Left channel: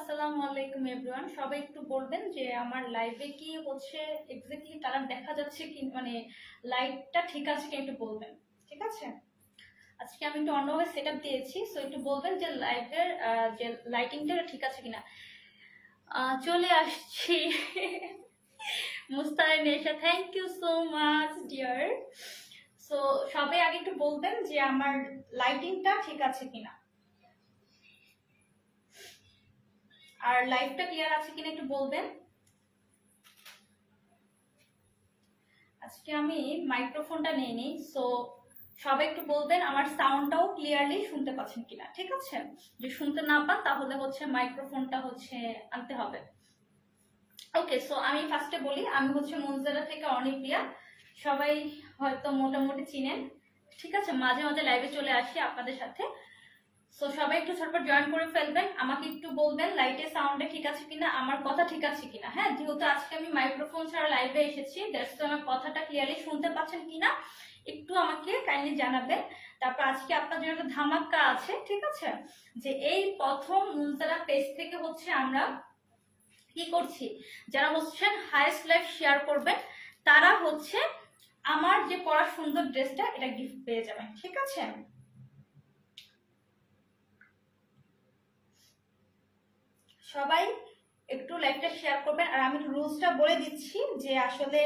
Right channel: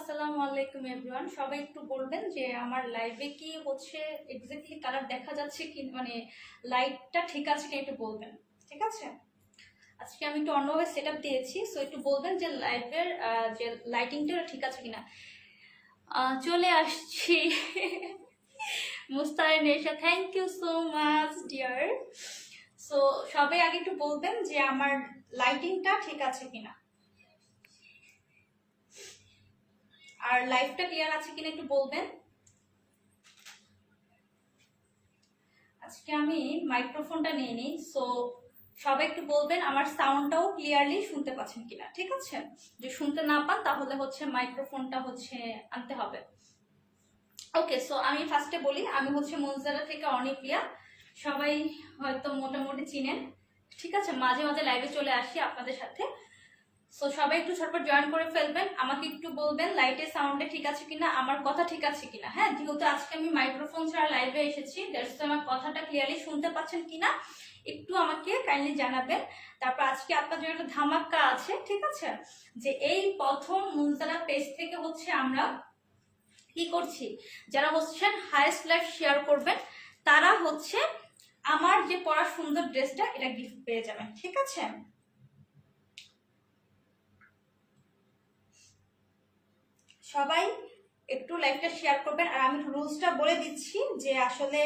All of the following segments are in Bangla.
আসসালামু আলাইকুম এভরিওয়ান। সবাই একটু বলবেন যে আমার লাইভে কি হচ্ছে এক্স্যাক্টলি কালার দেখা যাচ্ছে কি, মানে লাইটটা ঠিক আছে কি, একটু বলবেন। ঠিক আছে, আজকে আমি একটু অন্যভাবে সেট আপ দিয়েছি, সো একটু বলবেন যে লাইভের যে লাইটিংটা ঠিক আছে কিনা। চলে আসছি Mustahin Nesha, thank you so much dear. So সবাই আগে একটু বলবেন যে আমার লাইটিংটা ঠিক আছে কিনা, আর লাইভটা ক্লিয়ার আছে কিনা একটু বলবেন। আজকে আমি মাইক্রোফোনটা নিয়ে নিই, সো সবাই একটু বলবেন আমার সাউন্ডটাও ক্লিয়ারলি শুনতে পাচ্ছেন কিনা। ঠিক আছে, যদি শুনতে না পান তাহলে হচ্ছে মাইক্রোফোনটা হচ্ছে আনতে হবে। ওকে, সো আমি ফার্স্টে বলি, আমি হচ্ছে মুনজারা থেকে অনিপ্রিয়া, সবাই হয়তো মোটামুটি চিনেন। ঠিক আছে, মাঝে মাঝে লাইভে চলে আসি আপনাদের সাথে। সো সবাই একটু ঝটপট জয়েন করে ফেলবেন, আমাকে একটু বলবেন লাইটে সাউন্ডে ঠিক আছে কিনা, আমার কথা ঠিক আছে কিনা। হ্যাঁ, যেহেতু আজকে আমি মাইক্রোফোন ছাড়া লাইভে এসেছি, দ্যাটস তো আমার কথাটা ক্লিয়ারলি শুনতে পাচ্ছেন কিনা একটু আমাকে কাইন্ডলি জানাবেন। তারপর আজকে আপনার জন্য একটা ধামাকা আছে, ঠিক আছে, যে এই প্রথম মুনজারা পেজ থেকে হচ্ছে আমরা কি করছি, যারা হচ্ছেন হাইস্ট লাইফ শেয়ার করবেন তারা হচ্ছে আমার যে পরা সুন্দর ড্রেসটা এটা গিফট পেয়ে যাবেন। ঠিক আছে, সবাই একটু লাইভটা শেয়ার করবেন। আর আমি রুলসটা বলে দিচ্ছি যে আসলে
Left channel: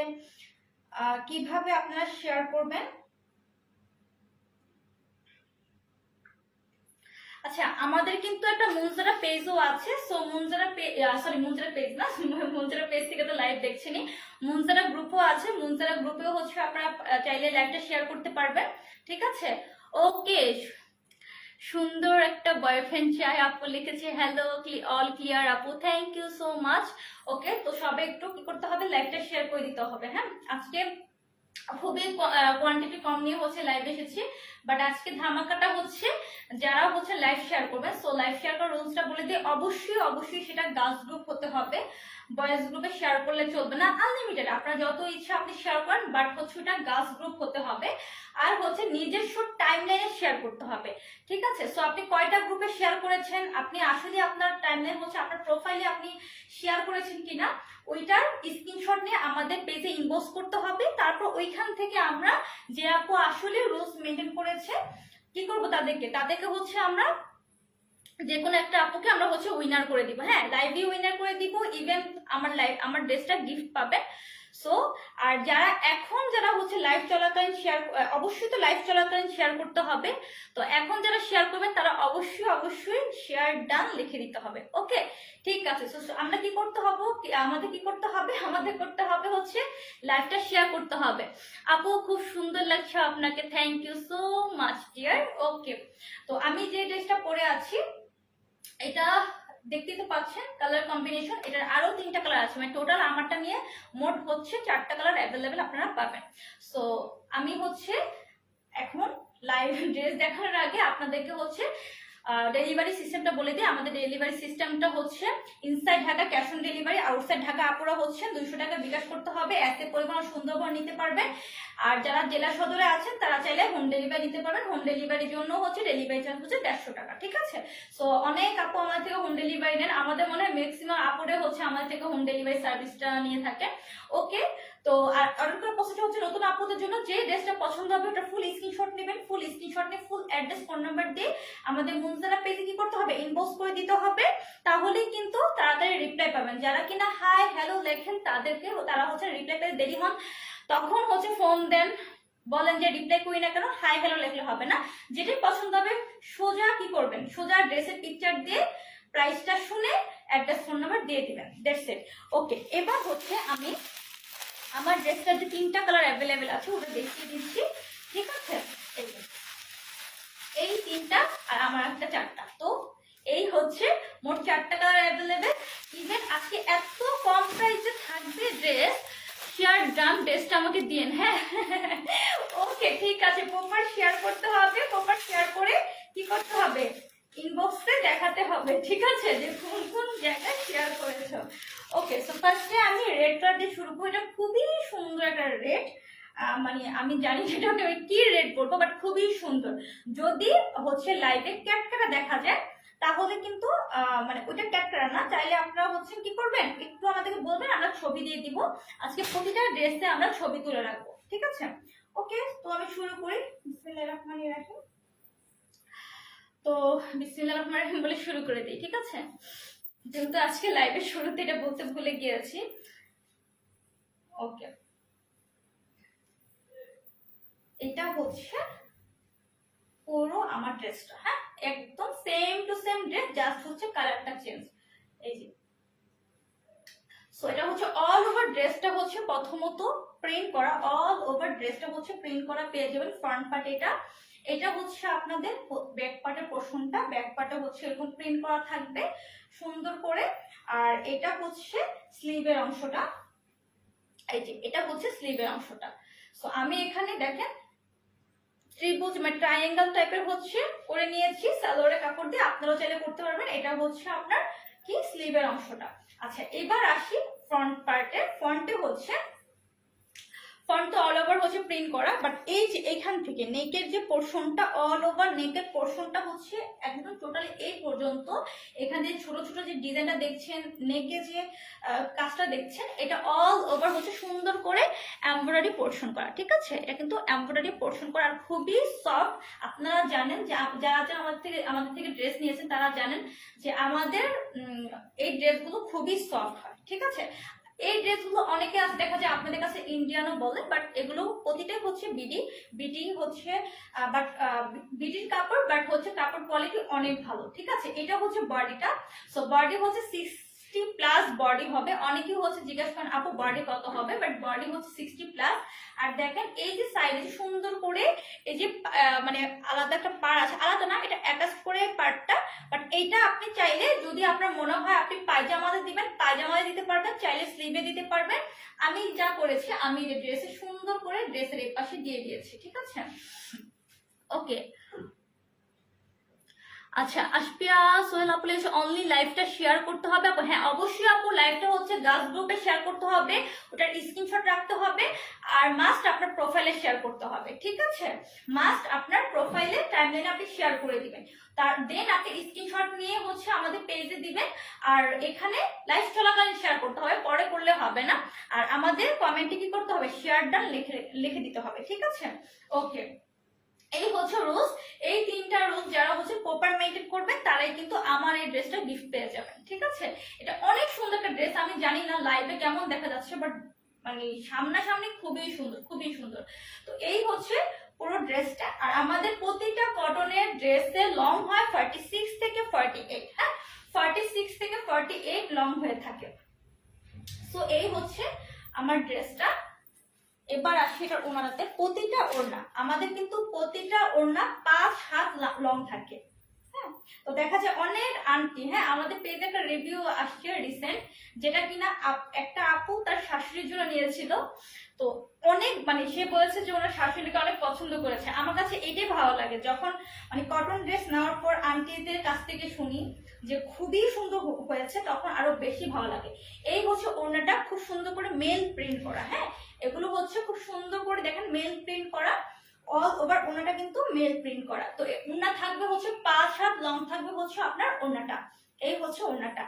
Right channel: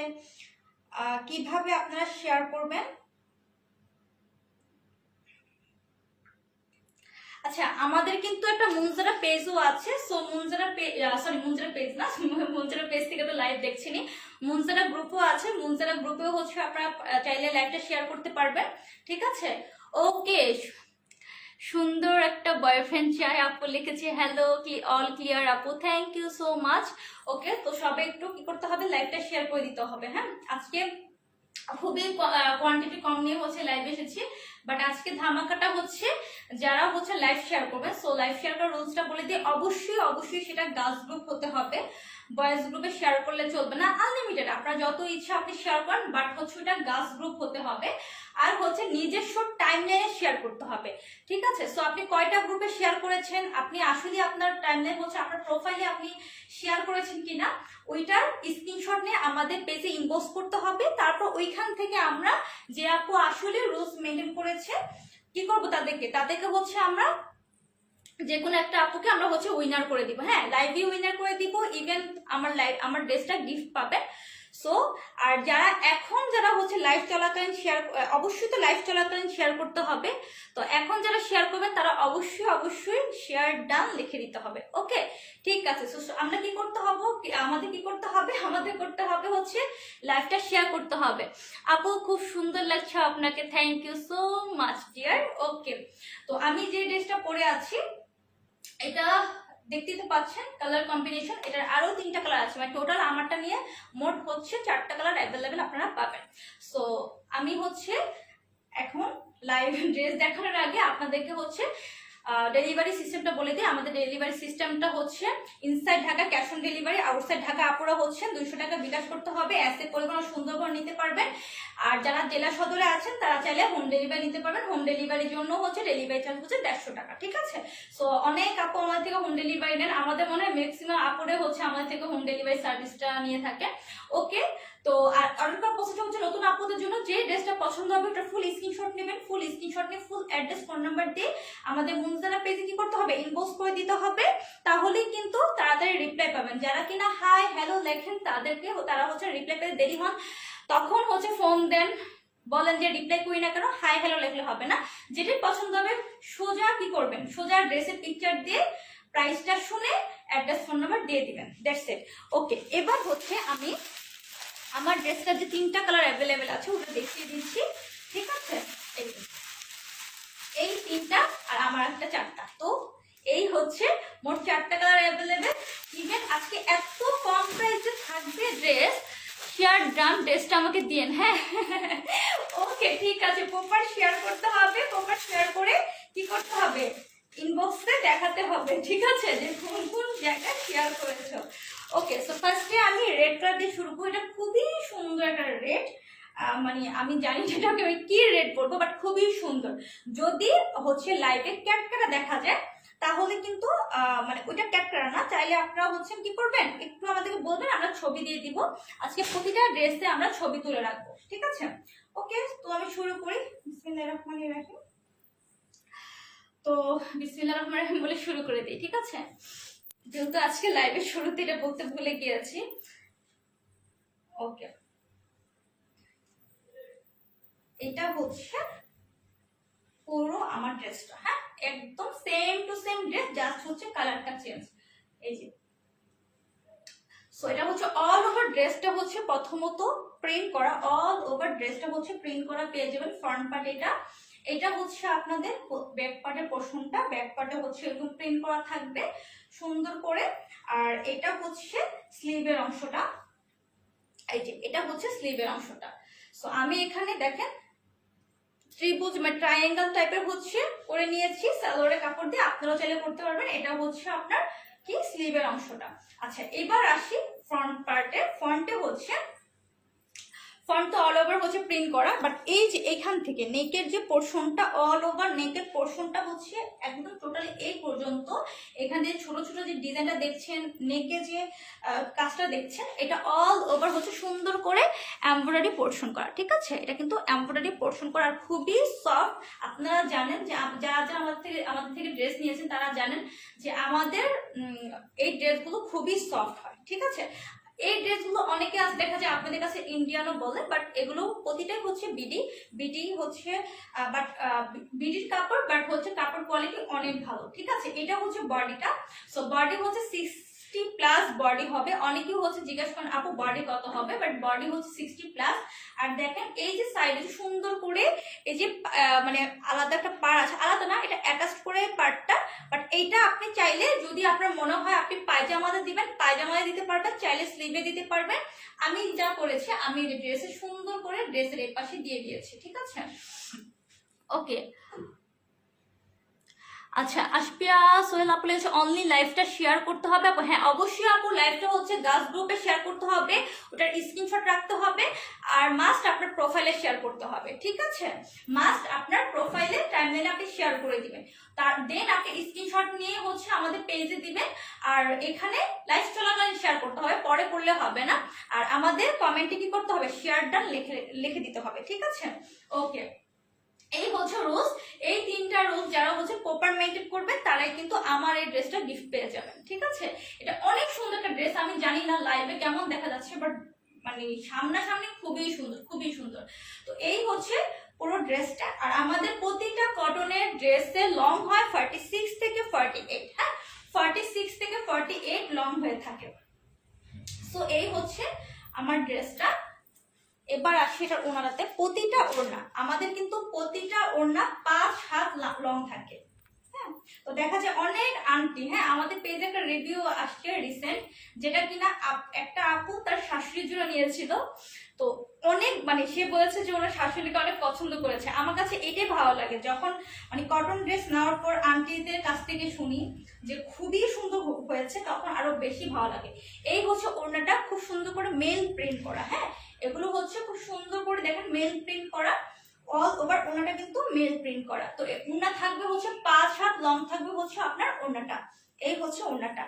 কিভাবে আপনারা শেয়ার করবেন। আচ্ছা, আমাদের কিন্তু একটা মুনজারা পেজও আছে, সো মুনজারা মুনজারা পেজ না মুনজারা পেজ থেকে তো লাইভ দেখছেনই, মুনজারা গ্রুপও আছে, মুনজারা গ্রুপেও হচ্ছে আপনারা চাইলে লাইভটা শেয়ার করতে পারবেন। ঠিক আছে, ওকে, সুন্দর একটা বয়ফ্রেন্ড চাই আপু লিখেছে, হ্যালো অল ক্লিয়ার আপু, থ্যাংক ইউ সো মাচ। ওকে, তো সবাই একটু কি করতে হবে, লাইভটা শেয়ার করে দিতে হবে। হ্যাঁ, আজকে খুবই কোয়ান্টিটি কম নিয়ে হচ্ছে লাইভ এসেছি, বাট আজকে ধামাকাটা হচ্ছে যারা হচ্ছে লাইভ শেয়ার করবে। সো লাইভ শেয়ার করার রুলসটা বলে দিই, অবশ্যই অবশ্যই সেটা গার্লস গ্রুপ হতে হবে, বয়েজ গ্রুপে শেয়ার করলে চলবে না। আনলিমিটেড আপনার যত ইচ্ছা আপনি শেয়ার করেন, বাট হচ্ছে ওটা গার্লস গ্রুপ হতে হবে। আর হচ্ছে নিজস্ব টাইমলাইনে শেয়ার করতে হবে। ঠিক আছে, সো আপনি কয়টা গ্রুপে শেয়ার করেছেন, আপনি আসলে আপনার টাইমলাইন হচ্ছে আপনার প্রোফাইলে আপনি শেয়ার করেছেন কিনা ওইটার স্ক্রিনশট নিয়ে আমাদের পেজে ইনবক্স করতে হবে। তারপর ওইখান থেকে আমরা যে আপু আসলে রুলস মেনটেন করেছে কি করবো, তাদেরকে হচ্ছে আমরা যে কোনো একটা আপুকে আমরা হচ্ছে উইনার করে দিব। হ্যাঁ, লাইভে উইনার করে দিব, ইভেন আমার ড্রেসটা গিফট পাবে। সো আর যারা হচ্ছে লাইভ চলাকালীন শেয়ার, অবশ্যই তো লাইভ চলাকালীন শেয়ার করতে হবে। তো এখন যারা শেয়ার করবেন তারা অবশ্যই অবশ্যই শেয়ার ডান লিখে দিতে হবে। ওকে, ঠিক আছে, সো আমরা কি করতে হবে, আমাদের করতে হবে হচ্ছে লাইভটা শেয়ার করতে হবে। আপু খুব সুন্দর লাগছে আপনাকে, thank you so much dear. Okay, তো আমি যে ড্রেসটা পরে আছি এটা দেখতেই তো পাচ্ছেন, কালার কম্বিনেশন এটার আরো 3টা কালার আছে, মানে টোটাল আমারটা নিয়ে মোট হচ্ছে 4টা কালার অ্যাভেলেবেল আপনারা পাবেন। সো আমি হচ্ছে এখন লাইভ ড্রেস দেখানোর আগে আপনাদেরকে হচ্ছে ডেলিভারি সিস্টেমটা বলে দিই। আমাদের ডেলিভারি সিস্টেমটা হচ্ছে inside Dhaka cash on delivery, outside Dhaka আপুরা হচ্ছেন 200 টাকা বিকাশ করতে হবে, অ্যাসে পরিমাণ সুন্দরবন নিতে পারবেন। আর যারা জেলা সদরে আছেন তারা চাইলে হোম ডেলিভারি নিতে পারবেন, হোম ডেলিভারির জন্য হচ্ছে ডেলিভারি চার্জ হচ্ছে 150 টাকা। ঠিক আছে, সো অনেক আপু আমাদের থেকে হোম ডেলিভারি নেন, আমাদের মনে হয় ম্যাক্সিমাম আপুরে হচ্ছে আমাদের থেকে হোম ডেলিভারি সার্ভিসটা নিয়ে থাকে। ওকে, তো আর অর্ডার করার প্রসেসটা হচ্ছে নতুন আপুদের জন্য যে ড্রেসটা পছন্দ হবে ওটা ফুল স্ক্রিনশট নেবেন, ফুল স্ক্রিনশট নিয়ে ফুল অ্যাড্রেস ফোন নাম্বার দিয়ে আমাদের মুনজারা পেজে কি করতে হবে, ইনবক্স করে দিতে হবে, তাহলেই কিন্তু তাড়াতাড়ি রিপ্লাই পাবেন। যারা কিনা হাই হ্যালো লেখেন তারা হচ্ছে রিপ্লাই পেতে দেরি হন, তখন হচ্ছে ফোন দেন, বলেন যে রিপ্লাই করি না কেন, হাই হ্যালো লেখলে হবে না। যেটাই পছন্দ হবে সোজা কি করবেন, সোজা ড্রেসের পিকচার দিয়ে প্রাইসটা শুনে অ্যাড্রেস ফোন নাম্বার দিয়ে দিবেন, দ্যাটস ইট। ওকে, এবার হচ্ছে আমি আমার ড্রেসটা যে 3টা কালার অ্যাভেলেবেল আছে ওটা দেখিয়ে দিচ্ছি। ঠিক আছে, এই 3টা আর আমার একটা 4টা, তো এই হচ্ছে মোট 4টা কালার অ্যাভেলেবেল। ইভেন আজকে এত কম প্রাইসে থাকবে ড্রেস, শেয়ার ডান, ড্রেসটা আমাকে দিন। হ্যাঁ, ওকে, ঠিক আছে, প্রপার শেয়ার করতে হবে, প্রপার শেয়ার করে কি করতে হবে, ইনবক্সে দেখাতে হবে। ঠিক আছে, যে কোন কোন জায়গায় শেয়ার করেছো। ওকে, সো ফার্স্টে আমি রেড কালার দিয়ে শুরু করি, এটা খুবই সুন্দর একটা রেড, মানে আমি জানি যেটাকে কি রেড বলবো, বাট খুবই সুন্দর। যদি হচ্ছে লাইভে ক্যাটকাটা দেখা যায় তাহলে কিন্তু মানে ওইটা ক্যাটকাটা না, চাইলে আপনারা হচ্ছেন কি করবেন, একটু আমাদেরকে বলবেন, আমরা ছবি দিয়ে দিব। আজকে প্রতিটা ড্রেসে আমরা ছবি তুলে রাখবো, ঠিক আছে? ওকে, তো আমি শুরু করি। বিসমিল্লাহির রহমানির রহিম। তো বিসমিল্লাহির রহমানির রহিম বলে শুরু করে দিই, ঠিক আছে? যেহেতু আজকে লাইভের শুরুতে এটা বলতে ভুলে গিয়েছি। ওকে, এটা হচ্ছে পুরো আমার ড্রেসটা, হ্যাঁ একদম same to same dress, just হচ্ছে কালারটা চেঞ্জ। এই যে, সো এটা হচ্ছে অল ওভার ড্রেসটা হচ্ছে প্রথমত প্রিন্ট করা, অল ওভার ড্রেসটা হচ্ছে প্রিন্ট করা পেয়ে যাবেন। ফ্রন্ট পার্ট এটা হচ্ছে আপনাদের ব্যাক পার্টের পোর্শনটা, ব্যাক পার্টে হচ্ছে এরকম প্রিন্ট করা থাকবে সুন্দর করে। আর এটা হচ্ছে স্লিভের অংশটা, এই যে এটা হচ্ছে স্লিভের অংশটা। সো আমি এখানে দেখেন ত্রিভুজ মানে ট্রায়াঙ্গেল টাইপের হচ্ছে করে নিয়েছি সালোয়ারের কাপড় দিয়ে, আপনারা চাইলে করতে পারবেন। এটা হচ্ছে আপনার কি স্লিভের অংশটা। আচ্ছা, এবার আসি ফ্রন্ট পার্টে। ফ্রন্টে হচ্ছে ফ্রন্ট তো অল ওভার হচ্ছে প্রিন্ট করা, বাট এই যে এখান থেকে নেকের যে পোর্শনটা, অল ওভার নেকের পোর্শনটা হচ্ছে একদম টোটালি এই পর্যন্ত। এখানে যে ছোট ছোট যে ডিজাইনটা দেখছেন, নেকে যে কাজটা দেখছেন, এটা অল ওভার হচ্ছে সুন্দর করে এমব্রয়ডারি পোর্শন করা, ঠিক আছে? এটা কিন্তু এমব্রয়ডারি পোর্শন করা, আর খুবই সফট। আপনারা জানেন যে যারা যারা আমাদের থেকে ড্রেস নিয়েছেন তারা জানেন যে আমাদের এই ড্রেসগুলো খুবই সফট হয়, ঠিক আছে? এই ড্রেসগুলো অনেকে আজ দেখা যায় আপনাদের কাছে ইন্ডিয়ানও বলে, বাট এগুলো প্রতিটাই হচ্ছে বিডি হচ্ছে, বাট বিডির কাপড়, বাট হচ্ছে কাপড় কোয়ালিটি অনেক ভালো, ঠিক আছে? এটা হচ্ছে বডিটা। সো বডি হচ্ছে 60+ বডি হবে। অনেকেই হচ্ছে জিজ্ঞাসা করেন আপু বডি কত হবে, বাট বডি হচ্ছে 60+। আর দেখেন এই যে সাইডে সুন্দর করে এই যে মানে আলাদা একটা পাড় আছে, আলাদা না, এটা অ্যাটাচ করে পার্টটা। বাট এইটা আপনি চাইলে যদি আপনার মনে হয় আপনি পায়জামাতে দিবেন, পায়জামাতে দিতে পারবেন, চাইলে স্লিভে দিতে পারবেন। আমি যা করেছি, আমি ড্রেসে সুন্দর করে ড্রেসের এই পাশে দিয়ে দিয়েছি, ঠিক আছে? ওকে, আচ্ছা আশপিয়া সোহেল আপু লিখেছে অনলি লাইভটা শেয়ার করতে হবে। আপু হ্যাঁ অবশ্যই আপু, লাইভটা হচ্ছে গার্লস গ্রুপে শেয়ার করতে হবে, ওটার স্ক্রিনশট রাখতে হবে, আর মাস্ট আপনার প্রোফাইলে শেয়ার করতে হবে, ঠিক আছে? মাস্ট আপনার প্রোফাইলে টাইমলাইনে আপনি শেয়ার করে দিবেন, তার দেন আপনি স্ক্রিনশট নিয়ে হচ্ছে আমাদের পেজে দিবেন। আর এখানে লাইভ চলাকালীন শেয়ার করতে হবে, পরে করলে হবে না। আর আমাদের কমেন্টে কি করতে হবে, শেয়ার ডান লিখে দিতে হবে, ঠিক আছে? ওকে, এই হচ্ছে রোজ। এই 3টা রোজ যারা হচ্ছে প্রপার মেইনটেইন করবেন তারাই কিন্তু আমার এই ড্রেসটা গিফট পেয়ে যাবেন, ঠিক আছে? এটা অনেক সুন্দর একটা ড্রেস, আমি জানি না লাইভে কেমন দেখা যাচ্ছে, বাট মানে সামনাসামনি খুবই সুন্দর, খুবই সুন্দর। তো এই হচ্ছে পুরো ড্রেসটা। আর আমাদের প্রতিটা কটনের ড্রেসের লং হয় 46 থেকে 48, হ্যাঁ 46 থেকে 48 লং হয়ে থাকে। সো এই হচ্ছে আমার ড্রেসটা। এবার আসি এটার ওড়নাতে। প্রতিটা ওড়না আমাদের কিন্তু প্রতিটা ওড়না 5 হাত লং থাকে, হ্যাঁ? তো দেখা যায় অনেক আন্টি, হ্যাঁ আমাদের পেজে একটা রিভিউ আসছে রিসেন্ট, যেটা কিনা একটা আপু তার শাশুড়ির জন্য নিয়েছিল। তো অনেক মানে সে বলেছে যে ওনার শাশুড়িকে অনেক পছন্দ করেছে। আমার কাছে এটাই ভালো লাগে, যখন মানে কটন ড্রেস নেওয়ার পর আন্টিদের কাছ থেকে শুনি যে খুবই সুন্দর হয়েছে, তখন আরো বেশি ভালো লাগে। এই হচ্ছে ওড়নাটা, খুব সুন্দর করে মেল প্রিন্ট করা, হ্যাঁ এগুলো হচ্ছে খুব সুন্দর করে দেখেন মেল প্রিন্ট করা, অল ওভার ওড়নাটা কিন্তু মেল প্রিন্ট করা। তো ওড়না থাকবে হচ্ছে 5 হাত লং থাকবে হচ্ছে আপনার ওড়নাটা। এই হচ্ছে ওড়নাটা।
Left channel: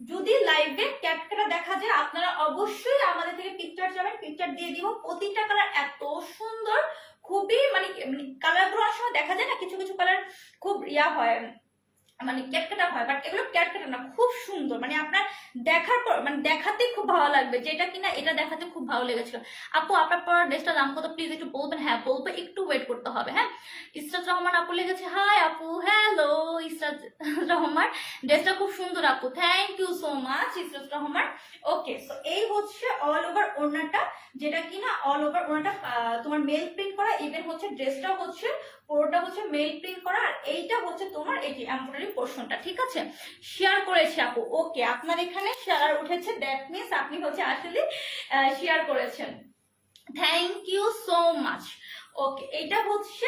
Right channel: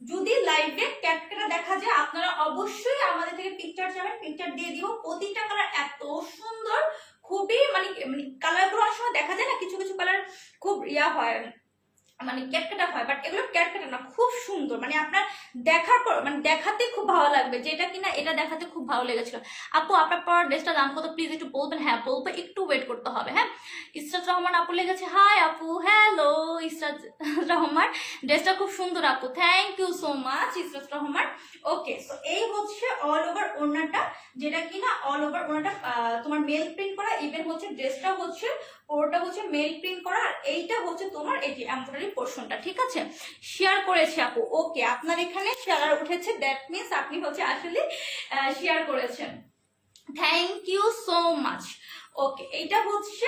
যদি লাইভে ক্যাটকাটা দেখা যায় আপনারা অবশ্যই আমাদের থেকে পিকচার চাবেন, পিকচার দিয়ে দিব। প্রতিটা কালার এত সুন্দর, খুবই মানে কালারগুলো অনেক সময় দেখা যায় না, কিছু কিছু কালার খুব ইয়া হয় মানে ক্যাটকাটা হয়, বাট এগুলো ক্যাটকাটা না, খুব সুন্দর। মানে আপনার দেখার পর মানে দেখাতে খুব ভালো লাগবে, যেটা কিনা এটা দেখাতে খুব ভালো লেগেছিল। আপু আপনার পর ড্রেসটার দাম কত প্লিজ একটু বলবেন? হ্যাঁ বলবো, একটু ওয়েট করতে হবে। হ্যাঁ ইসরাত রহমান আপু লেগেছে, হাই আপু, হ্যালো ইসরাত রহমান, ড্রেসটা খুব সুন্দর আপু, thank you so much Israt Rahman. Okay, so এই হচ্ছে অল ওভার ওড়নাটা, যেটা কিনা অল ওভার ওড়নাটা তোমার মেল প্রিন্ট করা, ইভেন হচ্ছে ড্রেসটা হচ্ছে পুরোটা হচ্ছে মেল প্রিন্ট করা। আর এইটা হচ্ছে তোমার এই যে এমব্রয়ডারি পোর্শনটা, ঠিক আছে? শেয়ার করেছি আপু। ওকে, আপনার এখানে শেয়ার উঠেছে, দ্যাট মিন্স আপনি হচ্ছে আসলে শেয়ার করেছেন, থ্যাংক ইউ সো মাচ। ওকে, এইটা হচ্ছে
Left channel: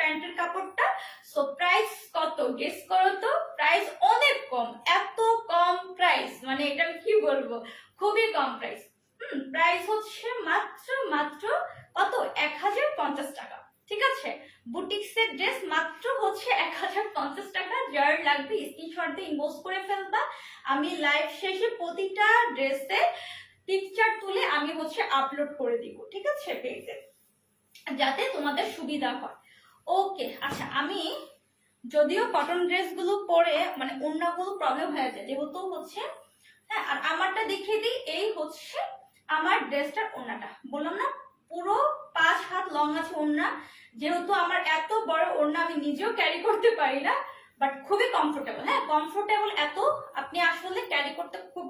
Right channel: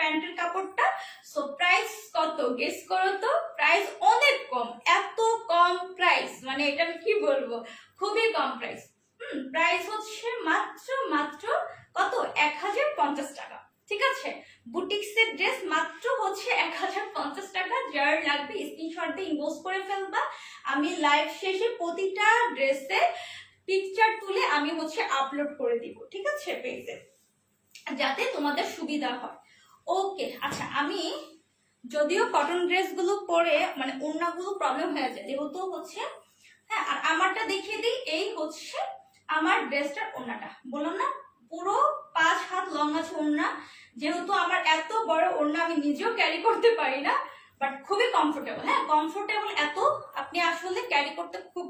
প্যান্টের কাপড়টা। সো প্রাইস কত গেস করো তো? প্রাইস অনেক কম, এত কম প্রাইস, মানে এটা আমি কি বলবো, খুবই কম প্রাইস। প্রাইস হচ্ছে মাত্র মাত্র কত, 1050 টাকা। ঠিক আছে, বুটিক্সের ড্রেস মাত্র হচ্ছে 1050 টাকা। যার লাগবে স্ক্রিনশট দিয়ে ইনবক্স করে ফেলবা। আমি লাইভ শেষে প্রতিটা ড্রেসের পিকচার তুলে আমি হচ্ছে আপলোড করে দিব, ঠিক আছে, পেজে, যাতে তোমাদের সুবিধা হয়। ওকে, আচ্ছা, আমি যদিও কটন ড্রেসগুলো পরে মানে ওড়নাগুলো প্রবলেম হয়ে যায়, যেহেতু হচ্ছে, হ্যাঁ, আর আমারটা দেখিয়ে দিই। এই হচ্ছে আমার ড্রেসটার ওড়নাটা, বললাম না পুরো 5 হাত লং আছে ওড়না। যেহেতু আমার এত বড় ওড়না আমি নিজেও ক্যারি করতে পারি না, বাট খুবই কমফোর্টেবল। হ্যাঁ, কমফোর্টেবল এত, আপনি আসলে ক্যারি করতে খুব,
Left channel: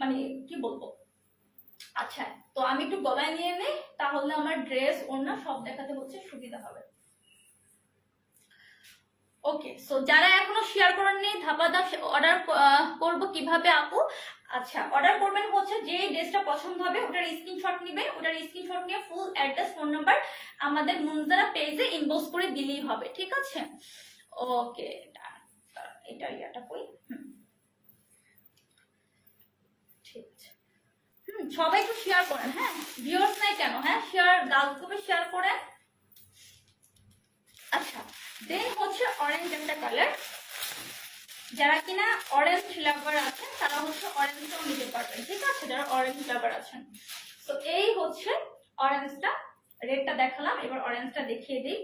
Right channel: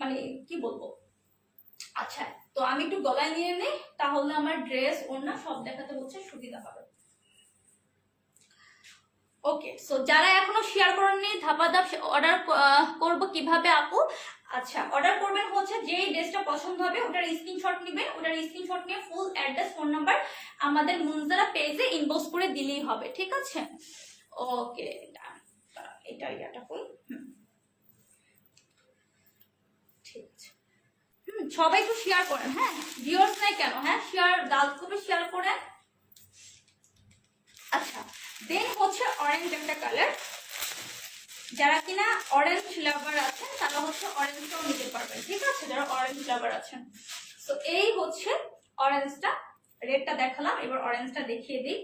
মানে কি বলবো। আচ্ছা, তো আমি একটু গলায় নিয়ে নিই, তাহলে আমার ড্রেস ওড়না সব দেখাতে হচ্ছে সুবিধা হবে। ওকে, সো যারা এখনো শেয়ার করেননি ধাপাধাপ অর্ডার করব কিভাবে আপু? আচ্ছা, অর্ডার করবেন হচ্ছে যে ড্রেসটা পছন্দ হবে ওটার স্ক্রিনশট নেবেন, ওটার স্ক্রিনশট নিয়ে ফুল অ্যাড্রেস ফোন নাম্বার আমাদের মুনজারা পেজে ইনবক্স করে দিলেই হবে, ঠিক আছে। ওকে, এটা ইয়াটা কই, ঠিক আছে। সবাই একটু শেয়ার করেন, হ্যাঁ, ভিউয়ার্স নাই কেন, হ্যাঁ, শেয়ার গার্লস গ্রুপে শেয়ার করেন। আচ্ছা, দেন হচ্ছে অরেঞ্জ একটা কালার, যারা কিনা অরেঞ্জ লাভার আছেন তারা হচ্ছে অরেঞ্জটাও নিতে পারবেন, ঠিক আছে, যারা অরেঞ্জ লাভার আছেন। তো এই হচ্ছে অরেঞ্জটা, রেডটা দেখালাম, এবার অরেঞ্জটা দেখিয়ে দিই।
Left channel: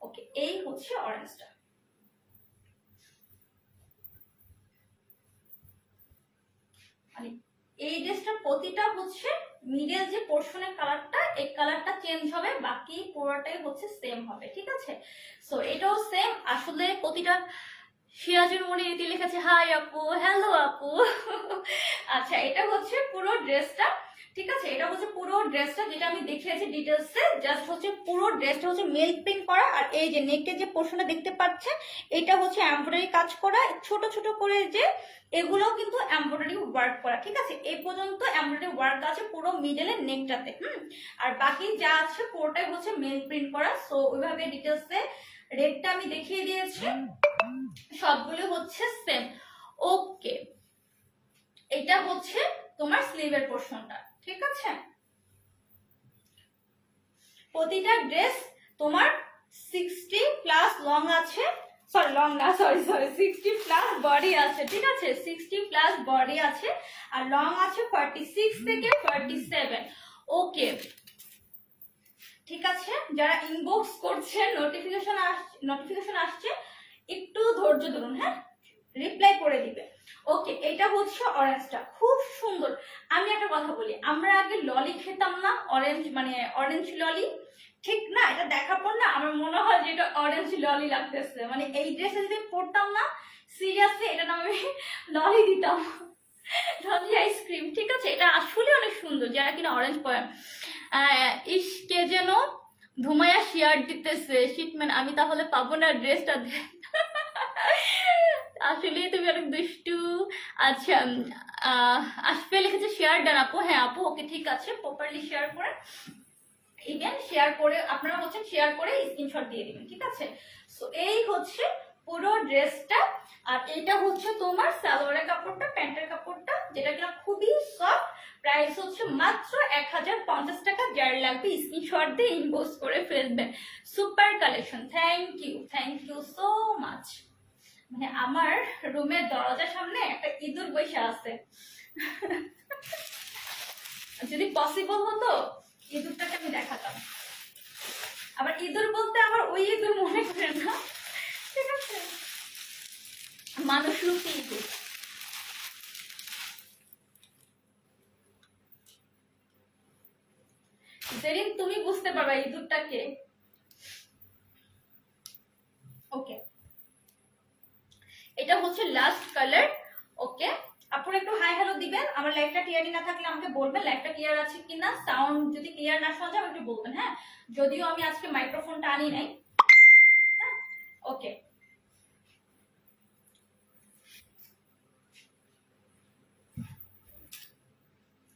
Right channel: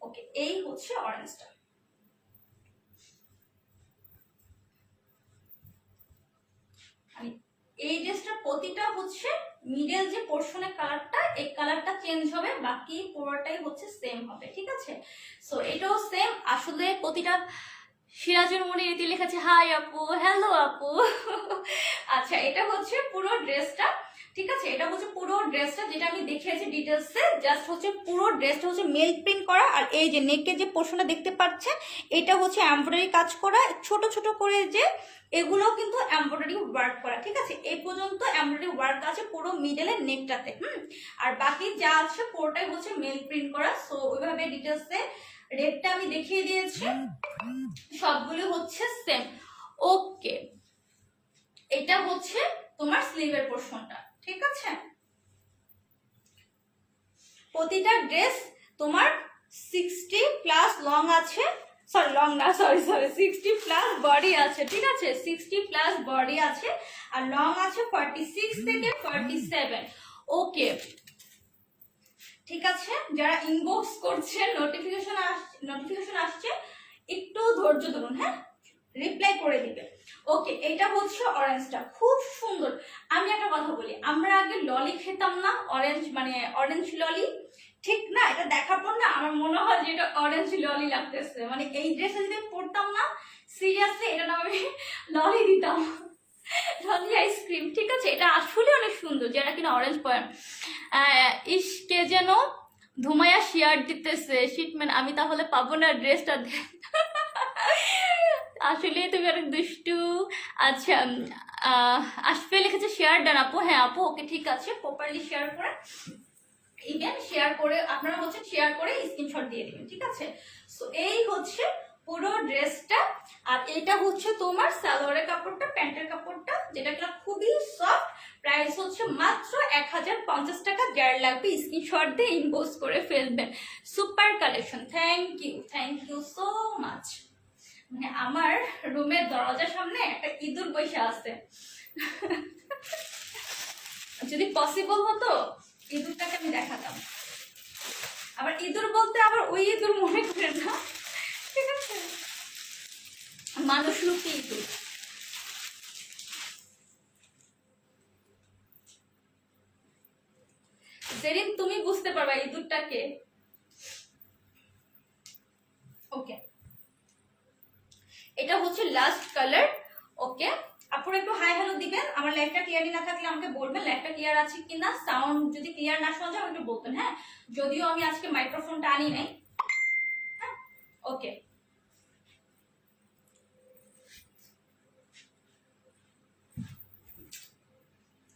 ওকে, এই হচ্ছে অরেঞ্জটা। এই ড্রেসটার প্রতিটা হচ্ছে মিডল যে পোর্শনের কালারটা, এই কালারটা চেঞ্জ হবে, বাকি পুরোটাই হচ্ছে সেম হবে, ঠিক আছে। সো এটাও সেম, আসলে প্রতিটা সিরাজের মনে রীতি লিখেছে হাই আপু, হ্যালো আপু। আচ্ছা, এটা হচ্ছে পুরো ড্রেসটা, ঠিক আছে, এটা হচ্ছে পুরো ড্রেসটা যেটা আমি দেখিয়েছি ডিটেলসে। জাস্ট হচ্ছে পুরো ড্রেসটা হচ্ছে মেল প্রিন্ট করা, আর এই যে নেকের যে পোর্শনটা দেখতে পাচ্ছেন এটা হচ্ছে এমব্রয়ডারি কাজ করা, ছোট ছোট করে যে এগুলোও কিন্তু এমব্রয়ডারি ওয়ার্ক করা, ঠিক আছে। এই পর্যন্ত এমব্রয়ডারি ওয়ার্ক আছে পুরো মিডলের নেকটাতে, আর বাকি যা আছে পুরোটাই হচ্ছে মেল প্রিন্ট করা। সো ওইভাবে ডিটেলসে রেটটা আমি দেখিয়ে দিয়েছি, সবগুলো হচ্ছে সেম। ওকে, এটা হচ্ছে তোমার স্লিভের পোর্শনটা, ঠিক আছে। প্রতিটা ড্রেস তোমার 60 প্লাস লং আছে, সরি লং না, সরি 60 প্লাস বডি আছে, ঠিক আছে, 60 প্লাস বডি আছে, আর লং আছে 46 থেকে 47। ওকে, ঠিক আছে, যারা ইনবক্স করছে নোটিফিকেশন আসছে একটু ধৈর্য ধরুন, হ্যাঁ, রিপ্লাই করে দিবে। ওকে, এটা হচ্ছে অরেঞ্জটা, খুব সুন্দর। আমি একটা কথা বলি, আমরা আগে ললি খেতাম না, অরেঞ্জ মানে অরেঞ্জ ললি, ঠিক না, এটা দেখার পর না আমার মনে হয় যে এটা অরেঞ্জ ললি লাগতেছে, মানে এই ড্রেসটা যদি পরতাম না সিরিয়াসলি এটা নাম আমি ললি দিতাম, ললি আইসক্রিম, ঠিক আছে। এটা আসলে অনেক সুন্দর, যারা কিনা অরেঞ্জ পরেন। ইস, কে যেন ধুমায়া শেয়ার দিতেছে, শিটম্যান আমি তাহলে পাবো না ড্রেসটা। আসলে তুমি অনেক দুষ্টু। আচ্ছা, আসবে লিখেছে শেয়ার ডান আপু, হ্যাঁ আপু, ওকে ঠিক আছে, প্রপারলি শেয়ার করে ইভেন শেয়ার করে আপনারা হচ্ছে শেয়ার করে স্ক্রিনশট দিয়ে দিবেন, ঠিক আছে। সো এই হচ্ছে পুরো ড্রেসটা, আর এটা হচ্ছে তোমার সালোয়ারের কাপড়টা, প্যান্টের কাপড়টা, যেটা কিনা খুবই সফট। প্রাইস হচ্ছে মাত্র 1050 টাকা। যার লাগবে স্ক্রিনশট দিয়ে ইনবক্স করে ফেলবেন। Super collection, thank you so much. মানে আমার রুমের দরজার সামনে একটা ইঁদুর বসে আছে, যদি পসিবল হতো ইঁদুরটাকে আমি দেখাতাম। আবার ইঁদুর বলতে আবার ওই ইঁদুর মনে করেন না, ঠিক আছে, মানুষ রূপী ইঁদুর। যেদিন তুমি বুঝতে পারবে ইঁদুরটাকে। ওকে, এটা হচ্ছে লাস্ট কালার। ওকে, আপনারা একটু হাই হ্যালো দিবেন, আমার লাইভটা ক্লিয়ারই না থাকলে আমাকে বলবেন লাইভটা ক্লিয়ার আছে কিনা, সাউন্ড যদি ক্লিয়ার না শোনা যায় একটু বলবেন, হ্যাঁ, যদিও আমি আজকে মাইক্রোফোনটা আনি নাই, হ্যাঁ। ওকে,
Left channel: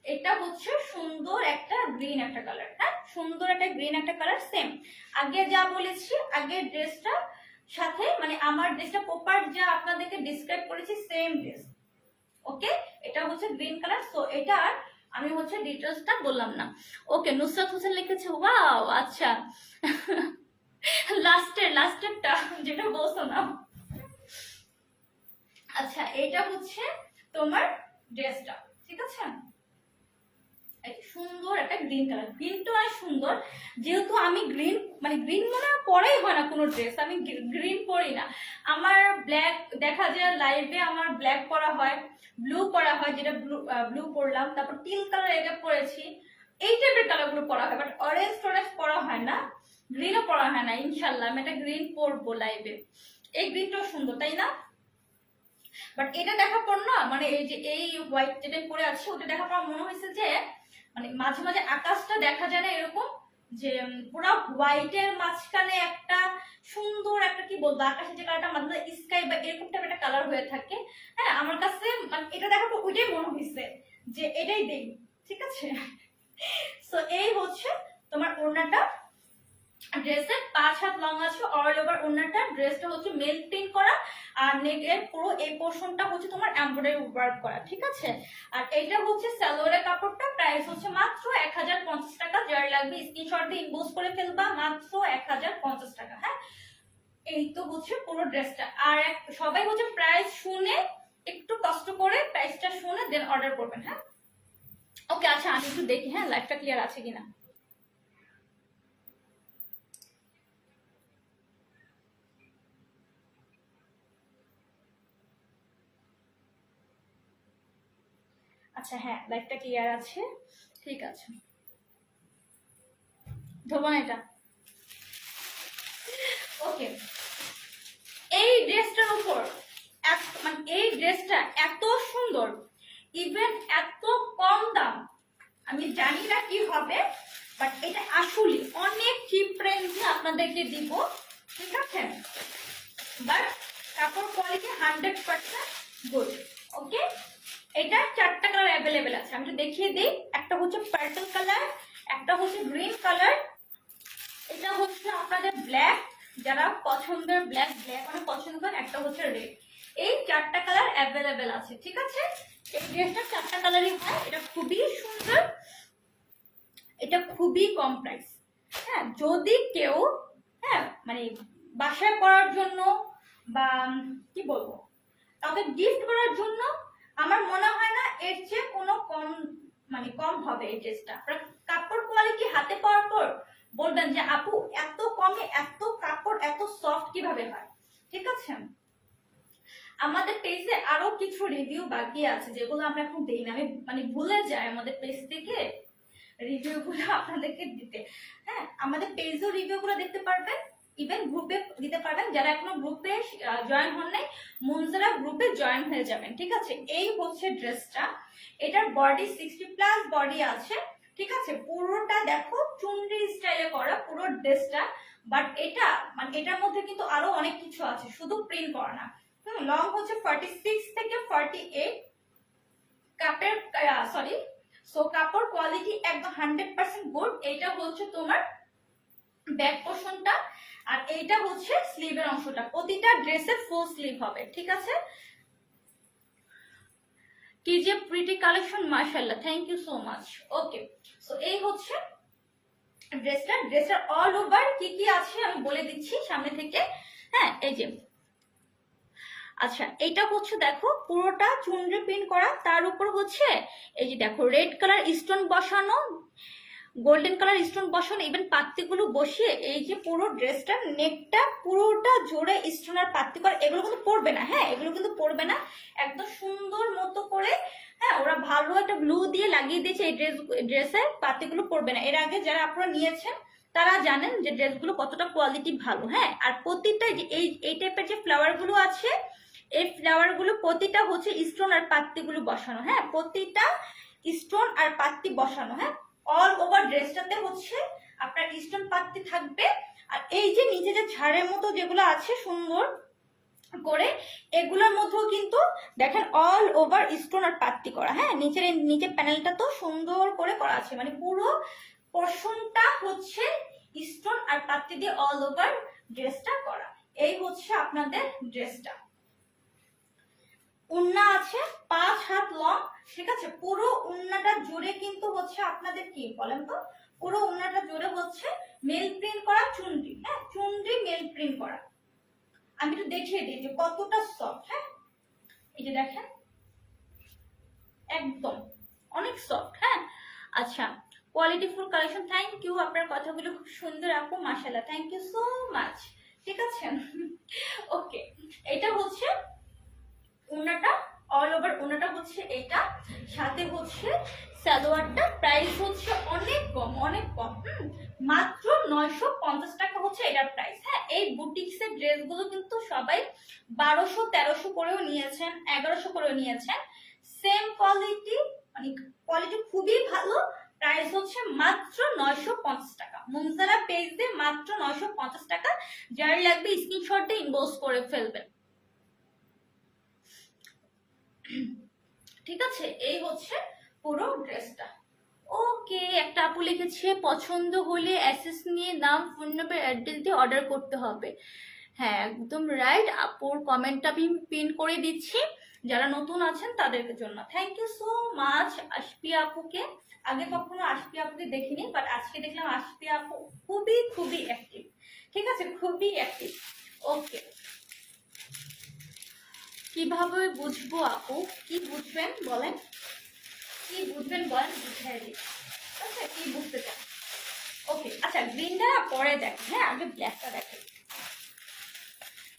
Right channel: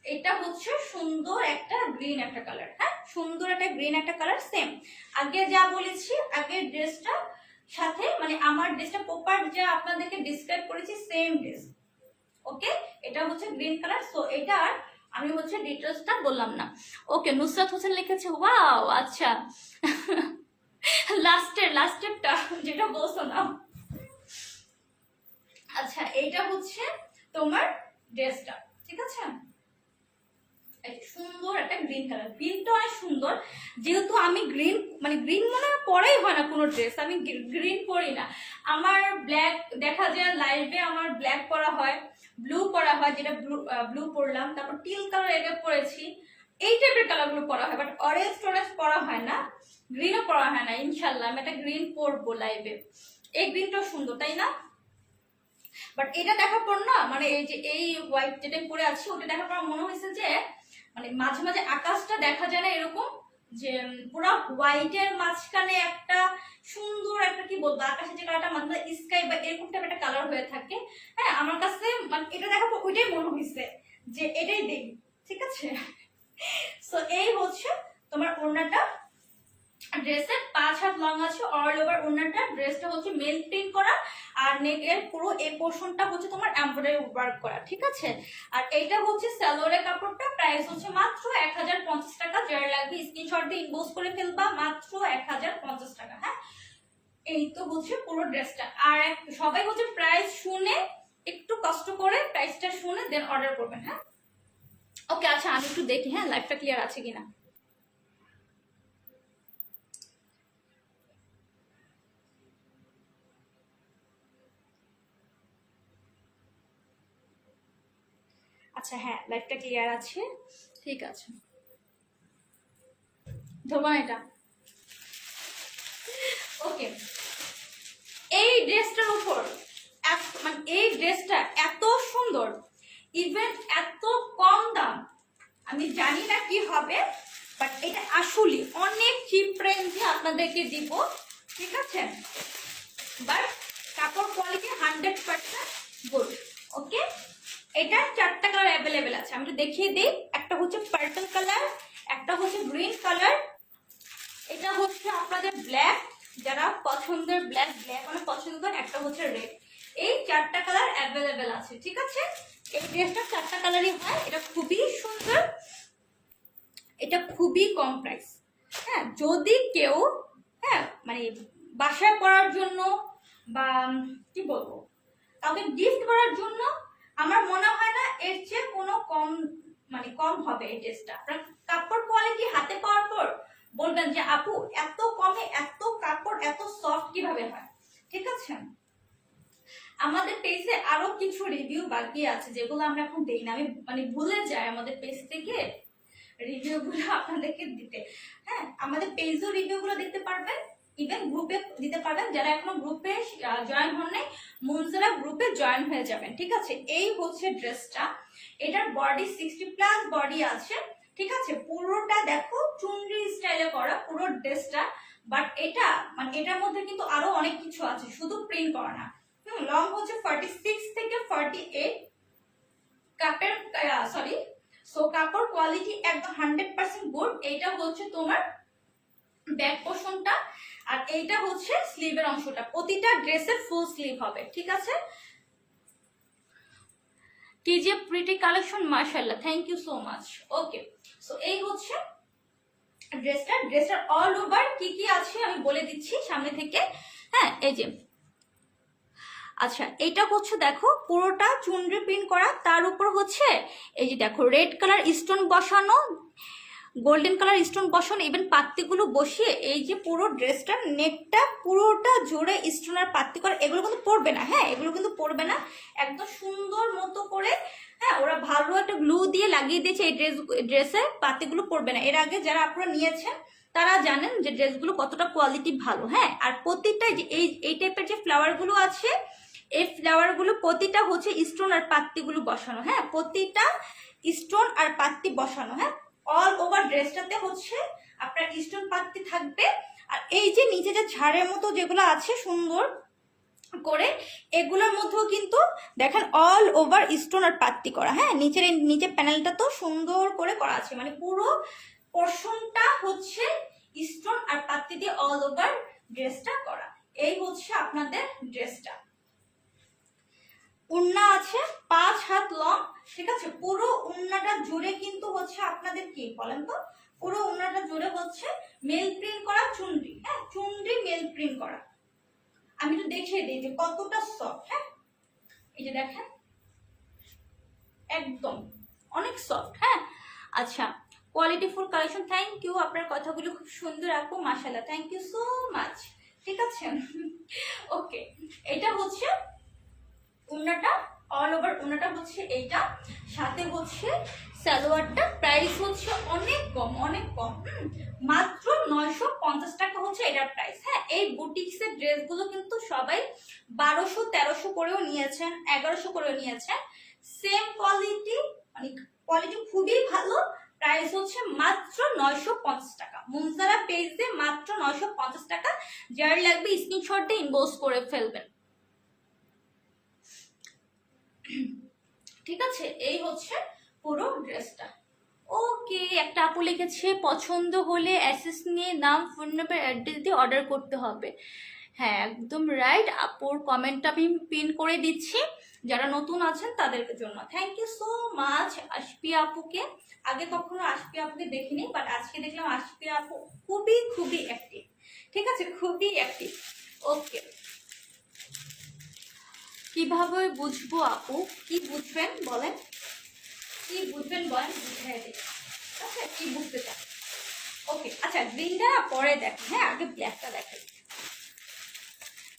এটা হচ্ছে সুন্দর একটা গ্রিন একটা কালার, হ্যাঁ, সুন্দর একটা গ্রিন একটা কালার, সেম আগে যা বলেছি, আগের ড্রেসটা সাথে মানে আমার ড্রেসটা প্রপার যা আপনাদেরকে ডিসক্রাইব করেছি সেম ড্রেস। ওকে, এটা হচ্ছে গ্রিন কালার। সো এটা আর আমি হচ্ছে ডিটেলসটা বললাম না। ওকে, নুসরাত হোসেন লিখেছে ওয়াও, আচ্ছা লাস্টেরটা যেটা বলছো না। আচ্ছা, এইটা হচ্ছে তোমার ড্রেসটা, ঠিক আছে? সুন্দর একটা গ্রিন কালার, গ্রিনটা অনেক সুন্দর। যেহেতু আমি গ্রিন মানে গ্রিন মনে হয় পরাই হয় না কোনো ড্রেস, আমি গ্রিন পরি না। আমার ব্ল্যাক দেখা যায় লাইভে, আমার ব্ল্যাক পরা হয়, ব্লু পরা হয়, যেটা ব্লু পরলাম, তারপর টিল কালার এটা পরেছি, এই টাইপের কালারগুলো পরা হয়, বাট অরেঞ্জ টরেঞ্জ পরা হয় না, গ্রিনও পরা হয় না। ইনশাল্লাহ আমি একটা গ্রিন পরবো লাইভে। এই গ্রিনটাও সুন্দর, তাই না? বাট এটা দেখার পর না, মানে এই যে এই হোয়াইট যেটা পরে আছে ওটা দেখার পর মনে হয়েছে যে মানে মাঝে মাঝে আকাশটা দেখা যায় না এরকম, যে পুরো হোয়াইটের মাঝখানে একটা সুন্দর একটা কি বলবো আকাশের যে কালারটা মাঝে মাঝে স্কাই বা এরকম টাইপের একটা কালার হয়ে থাকে। হ্যাঁ, আমার কাছে মানে এটা দেখার পর ওইটাই মনে হয়েছে যে এটাই দেই, ঠিক আছে? সো এই হচ্ছে তোমার ওড়নাটা, ড্রেসের 5 হাত লং আছে, অল ওভার ওড়নাটা। ড্রেসটা হচ্ছে মেল প্রিন্ট করা, আর নেকের পুরো এই পোরশনটা হচ্ছে তোমার এমব্রয়ডারি ওয়ার্ক করা, ঠিক আছে? আর এইটা হচ্ছে সালোয়ারের কাপড়টা, প্রাইস হচ্ছে মাত্র 1050 টাকা। যার লাগবে স্ক্রিনশট দিয়ে ইনবক্স করে ফেলবা, মাত্র 1050 টাকা। হ্যাঁ, এই তো হচ্ছে পুরো ড্রেসটা। আর সবাই হচ্ছে প্রাইস শুনে একটু কষ্ট করে প্রাইসটা শুনে দেন অর্ডার করবেন। হ্যাঁ, ওকে, আচ্ছা আমি একটু দেখি হ্যাঁ লাইভটা ক্লিয়ার আছে কিনা। আচ্ছা হ্যাঁ, লাইটটা ক্লিয়ার আছে, ঠিক আছে। ধরবা এটা। ওকে, এই ড্রেসটার উপর মানে এই ড্রেসটা এত সুন্দর, ইভেন এত কম দাম, আমি জানি না কি হবে, বাট এটা আসলে অনেক চিপ রেঞ্জে আপনাদেরকে দিব, ঠিক আছে? বাট কাপড় কোয়ালিটি 100% গুড। ওকে, এটা 4টা কালার অ্যাভেলেবেল আছে, আমি একটু দেখিয়ে দিই। একটা হচ্ছে পার্পল কালার, একটা হচ্ছে গ্রিন কালার, এটা হচ্ছে আপনাদের ব্ল্যাক, যারা পছন্দের ব্ল্যাক অনেক পছন্দ করেন, একটা হচ্ছে রেড। এই 4টা কালার অ্যাভেলেবেল আছে, ঠিক আছে? এই ড্রেসটা 4টা কালারই হয়। এটা খুবই সুন্দর, এটা খুবই কমপ্লেক্স। হ্যাঁ, যদি কেউ হ্যাঁ মানে বাসায় পরার জন্য বা কি বলবো কাউকে গিফট করার জন্য, আমার মনে হয় না এর চেয়ে কোনো কম হবে এই ড্রেসটা। কাপড় কোয়ালিটি হাতে পাওয়ার পর বলবেন যে আপু এত কমে এত কাপড় এত সফট কিভাবে হয়, ঠিক আছে? আমাদের পেজে আরো কিছু রিভিউ বাকি আছে যেগুলো আমি এখন দেই না, আমি মানে ভুলে যাই আমাদের পেজ থেকে রিভিউ গুলো আপনাদেরকে দিতে। হ্যাঁ, আমাদের পেজেও রিভিউ গুলো দেখতে পারবেন, ইভেন গ্রুপে দিতে পারবেন। যারা এখনো গ্রুপে জয়েন হন নাই, মুনজারা গ্রুপে জয়েন হয়ে যাবেন, ঠিক আছে? এই হচ্ছে ড্রেসটা, এটার বডি 60+ বডি আছে, ঠিক আছে? পুরোটা দেখো চুনরি স্টাইলে করা পুরো ড্রেসটা, বাট এটা মানে এটার মধ্যে কিন্তু আরো অনেক কিছু আছে, শুধু প্রিন্ট করা না। লং হচ্ছে 46 থেকে 48, কাপের সরি সো কাপড় কোয়ালিটি একদম 100% গুড। এইটা হচ্ছে তোমার ব্যাক পোর্শনটা, আর এইটা হচ্ছে স্লিভের অংশটা। প্রতিটা ড্রেসে ফুল স্লিভ হবে, ঠিক আছে? কি যে প্রিটি কালেকশন, মাশাআল্লাহ, thank you so much. Okay, so এই হচ্ছে ড্রেসটার অল ওভার কি কি আছে আমি বলে দিচ্ছি সামনে থেকে। হ্যাঁ, এই যে আচ্ছা, এটা হচ্ছে দেখো পুরোটা চুনরি প্রিন্ট করা, তার উপর হচ্ছে এই যে দেখো রেড কালার স্টোন বসানো, গোল্ডেন কালার স্টোন বসানো, ইভেন পাত্তিগুলো বসিয়ে এই যে পুরো ড্রেসটার নেকটা পুরোটা জোরে স্টোন আর পাত্তি করা। এগুলো কিন্তু পরবে না, হ্যাঁ এগুলো কিন্তু পরবে না, একদম সুন্দর মতো করে হ্যাঁ ওরা ভালো একটা গ্লু দিয়ে লাগিয়ে দিয়েছে এই ড্রেসে, পাত্তিগুলো পরবে না। এর আগে যারা আপনারা নিয়েছেন তারা জানেন যে ড্রেসগুলো কতটা কোয়ালিটি ভালো। হ্যাঁ, আর প্রতিটা যে এই টাইপের যে ফ্লাওয়ার গুলো আছে, এই ফ্লাওয়ার গুলো প্রতিটা হচ্ছে স্টোন আর পাত্তিগুলো বসানো। হ্যাঁ, প্রতিটা স্টোন আর পাত্তি বসানো। হ্যাঁ, অল ওভার ড্রেসটাতে হচ্ছে আপনার স্টোন পাত্তি থাকবে। আর এই যে নিচে যে ঝাড়ের মতো যেগুলো আছে সুন্দর করে, এগুলোর মধ্যেও কিন্তু দেখেন অল ওভার স্টোন আর পাত্তি করা। হ্যাঁ, নিচের প্যানেলটা তো সুন্দর করে করা আছে, মানে পুরো পোর্শনটা হচ্ছে স্টোন আর পাত্তি দিয়ে অল ওভার ড্রেসটা করা। এই হচ্ছে আপনাদের ড্রেসটা। ওড়না আছে 5 হাত লং, ঠিক আছে। পুরো ওড়নাটা জুড়ে কিন্তু হচ্ছে আপনাদের কি বলেন তো, পুরো ওড়নাটা জুড়ে হচ্ছে মেল প্রিন্ট করা চুনরি, হ্যাঁ চুনরি মেল প্রিন্ট করা। আমি একটু দেখিয়ে দিই যে কতটা সফট। হ্যাঁ এই যে দেখেন একদম অনেক সফট। হ্যাঁ আচ্ছা, কোয়ালিটিফুল কালেকশন। থ্যাংক ইউ, আপনার কথাগুলো খুব সুন্দর আপু, মাশাআল্লাহ, থ্যাংক ইউ সো মাচ। ঠিক আছে ওকে, এটা হচ্ছে ওড়নাটা, অল ওভার ওড়নাটা হচ্ছে এইটা, সাথে হচ্ছে সালোয়ারটা। প্রাইস হচ্ছে অনেক কম, অনেক কম, মাত্র 950 টাকা হচ্ছে এটার প্রাইস। হ্যাঁ এই বুটিক্সের ড্রেসগুলো কিন্তু সবাই 1200-1300 করেও নিয়েছেন, 1100 করেও নিয়েছেন। সেম কোয়ালিটি, মানে কোয়ালিটি খুবই ভালো। প্রাইস হচ্ছে মাত্র 950 টাকা। মুনজারা পেজ দিয়ে মাত্র 950 টাকা। যার লাগবে স্ক্রিনশট দিয়ে ইনবক্স করে ফেলবেন। ঠিক আছে, এই হচ্ছে পুরো ড্রেসটা। ওকে, একটা আপু লিখেছে পছন্দ হলে অ্যাসেস নিয়ে নাম, ফোন নাম্বার, অ্যাড্রেস দিয়ে অর্ডার করতে হবে। হ্যাঁ একদম রাইট, আপুর কমেন্টটা আমি পিন করে দিচ্ছি যারা নতুন আছেন তাদের জন্য। Thank you so much Ashfi আপুকে। আগে কখনো আশফি আপুকে দেখিনি, বাট আজকে দেখলাম আশফি আপু খুবই খুবই অ্যাক্টিভ। ঠিক আছে, খুবই অ্যাক্টিভ। ওকে, কিভাবে বুঝবো আপু, কি বুঝবেন বলেন, কি বুঝবেন বলেন, বুঝাই দিই। আচ্ছা কি বুঝতে চান? ওকে আচ্ছা, গ্রিনটা পরে দেখেন, হ্যাঁ আগে ব্ল্যাকটা দেখেন।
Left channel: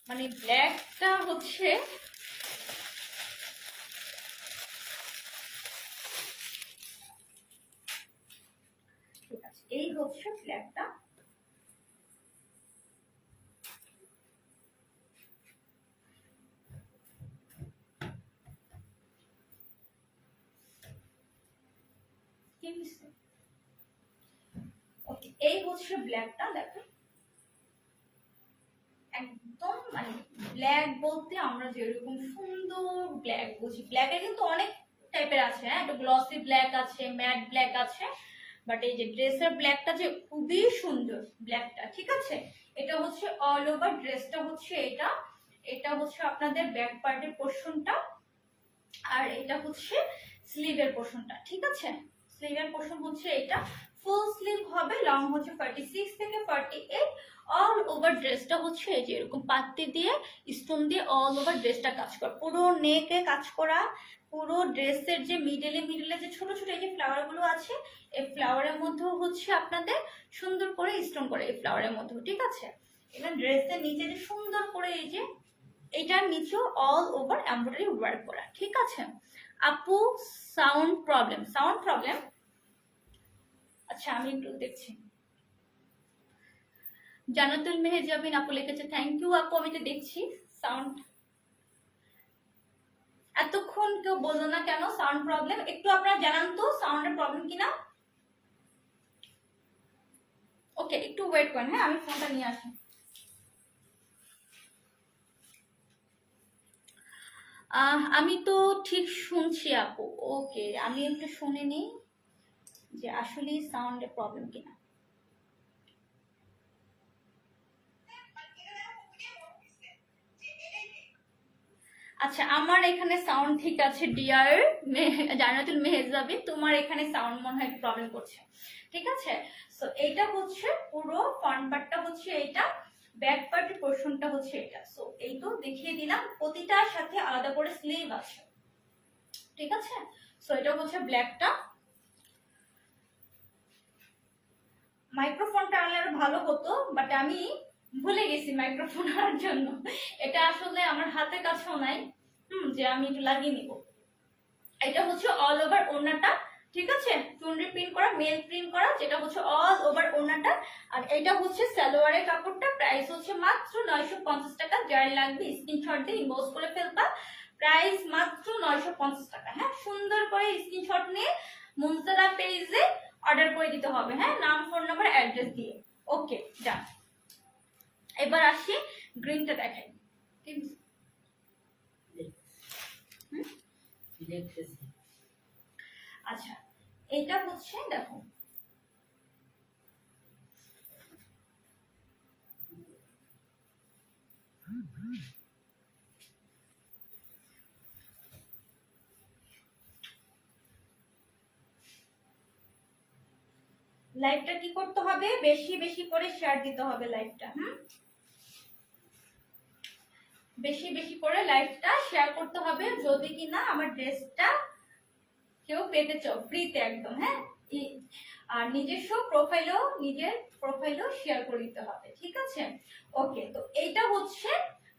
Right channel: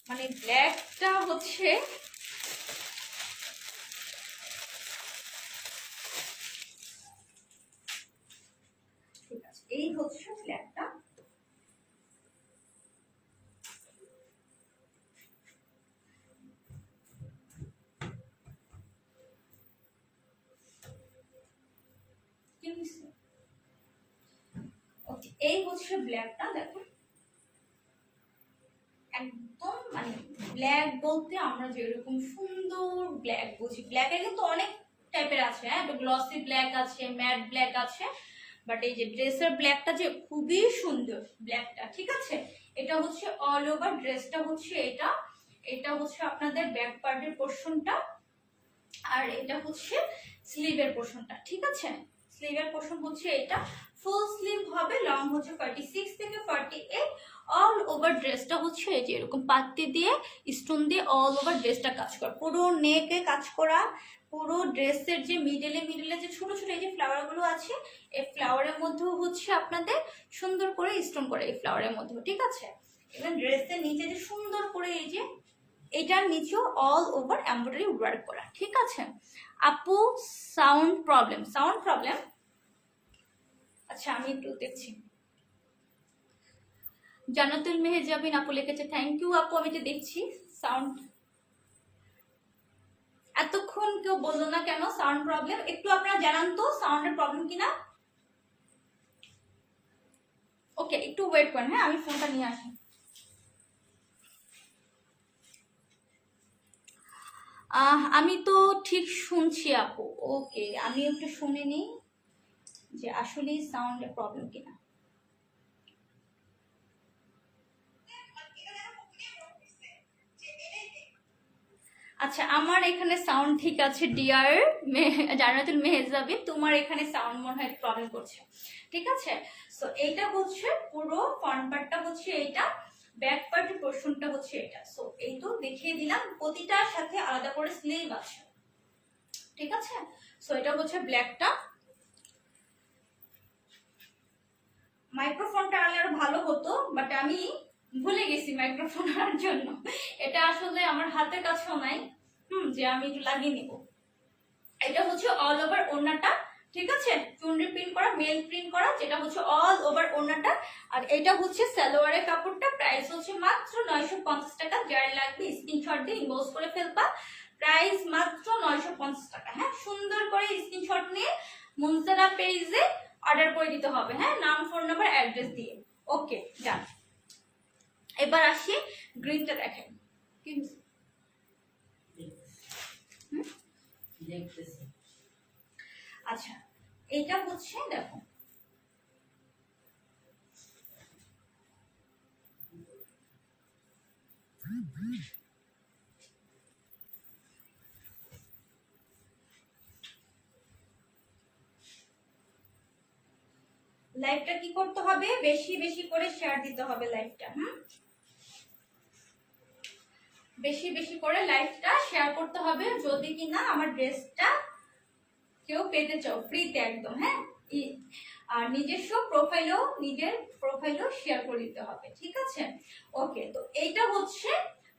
মানে ব্ল্যাকটা হচ্ছে ঠিক আছে, এই হচ্ছে ব্ল্যাকটা। ওকে, এই হচ্ছে ব্ল্যাকটা, দেখেন একদম মানে ব্ল্যাক বলতে আমরা যেরকম সুন্দর ব্ল্যাক বুঝি, ব্ল্যাকের কিন্তু অনেক টাইপের আছে। হ্যাঁ একটা গ্লসি ব্ল্যাক আছে, ম্যাট ব্ল্যাক আছে, বাট এই যে ড্রেসের ব্ল্যাকটা যে খুবই সুন্দর ব্ল্যাকটা। ঠিক আছে, এটা হচ্ছে অল ওভার ড্রেসটা হচ্ছে এটা, এটা হচ্ছে আপনাদের ব্যাক পার্টের পোর্শনটা, আর এটা হচ্ছে স্লিভের পোর্শনটা। ঠিক আছে, স্লিভের পোর্শন হচ্ছে এটা, ফুল স্লিভ হবে, লং হচ্ছে 46 থেকে 48। অল ওভার ড্রেসটা হচ্ছে এই যে এরকম পাত্তি দিয়ে স্টোন দিয়ে অল ওভার ড্রেসটা কাজ করা, পুরো নেকে কাজ করা। পুরো ড্রেসের যে মিডলে যে ছোট ছোট এই যে ফ্লাওয়ার গুলো আছে, এই ফ্লাওয়ারের মধ্যেও হচ্ছে আপনাদের সুন্দর করে স্টোন করে এই ফ্লাওয়ারের মধ্যেও। ঠিক আছে, এবং ড্রেসের নিচে যে সুন্দর করে এই যে এটার নিচেও অল ওভার এমব্রয়ডারি ওয়ার্ক করা। ঠিক আছে আপু, সাউন্ড প্রবলেম, সাউন্ড প্রবলেম। আচ্ছা আমি একটু দেখছি। জান্নাতুল মেহেজাবিন আপু লিখেছে থ্যাংক ইউ আপু, আমি তো দেখছি সাউন্ড। এতক্ষণ কেউ বললো না কেন সাউন্ড প্রবলেম, একটু আপনারা জানান তো সাউন্ডের প্রবলেম কিনা। ওকে একটু ওয়েট করেন, হ্যাঁ আমি ফোনটা নিয়ে আসি। আমি তো ঠিক শুনছি আপু। ওকে আমি একটু শুনে নিই যে আসলে সাউন্ডের প্রবলেম কিনা। আচ্ছা আমার এখানে সাউন্ড ঠিক আছে ডিয়ার জান্নাতুল মেহেজাবিন, তোমার এখানে সাউন্ড মনে হয় প্রবলেম করছে। ঠিক আছে, সো এইটা হচ্ছে পুরো ফ্রন্ট পার্টটা হচ্ছে এইটা, ব্যাক পার্টের পোর্শনটা হচ্ছে এটা। সো এই তো দেখিয়ে দিলাম, প্রতিটার সাথে আলাদা করে স্লিভ আছে। ঠিক আছে, সো এটা হচ্ছে ব্ল্যাকটা। মাইক্রোফোনটা আনলে আরো ভালো হতো, বাট আমি ভুলে গেছি মাইক্রোফোন আনার জন্য। এটা আসলে আমার হাতের কাছেও নাই যে আমি একটু লাগিয়ে নিব। এটা হচ্ছে অল ওভার ওড়নাটা। ঠিক আছে, চুনরি প্রিন্ট করা, মেল প্রিন্ট করা, যেটা হচ্ছে অল ওভার ওড়নাটা। আর এটা হচ্ছে সালোয়ারের কাপড়টা, প্রাইস হচ্ছে মাত্র 950 টাকা। যার লাগবে স্ক্রিনশট দিয়ে ইনবক্স করে ফেলবা, প্রাইস মাত্র 950 টাকা। হ্যাঁ সুন্দর করে স্ক্রিনশট নিয়ে মুনজারা পেজে অর্ডার করে দিতে হবে, হ্যাঁ নাম, ফোন নাম্বার, অ্যাড্রেস দিয়ে। ওকে যান, এবার আসি গ্রিনটা দেখাই। আচ্ছা এইটা হচ্ছে দেখো, লাইভটা কি করতে হবে, বেশি বেশি করে শেয়ার দিতে হবে লাইভটা। বেশি বেশি করে লাইভটা শেয়ার করতে হবে যদি কিনা আমার ড্রেসটা কেউ পেতে চাও ফ্রিতে একদম। হ্যাঁ, আর নিজস্ব প্রোফাইলও শেয়ার করে দিতে হবে, ঠিক আছে? ওকে, তো এইটা হচ্ছে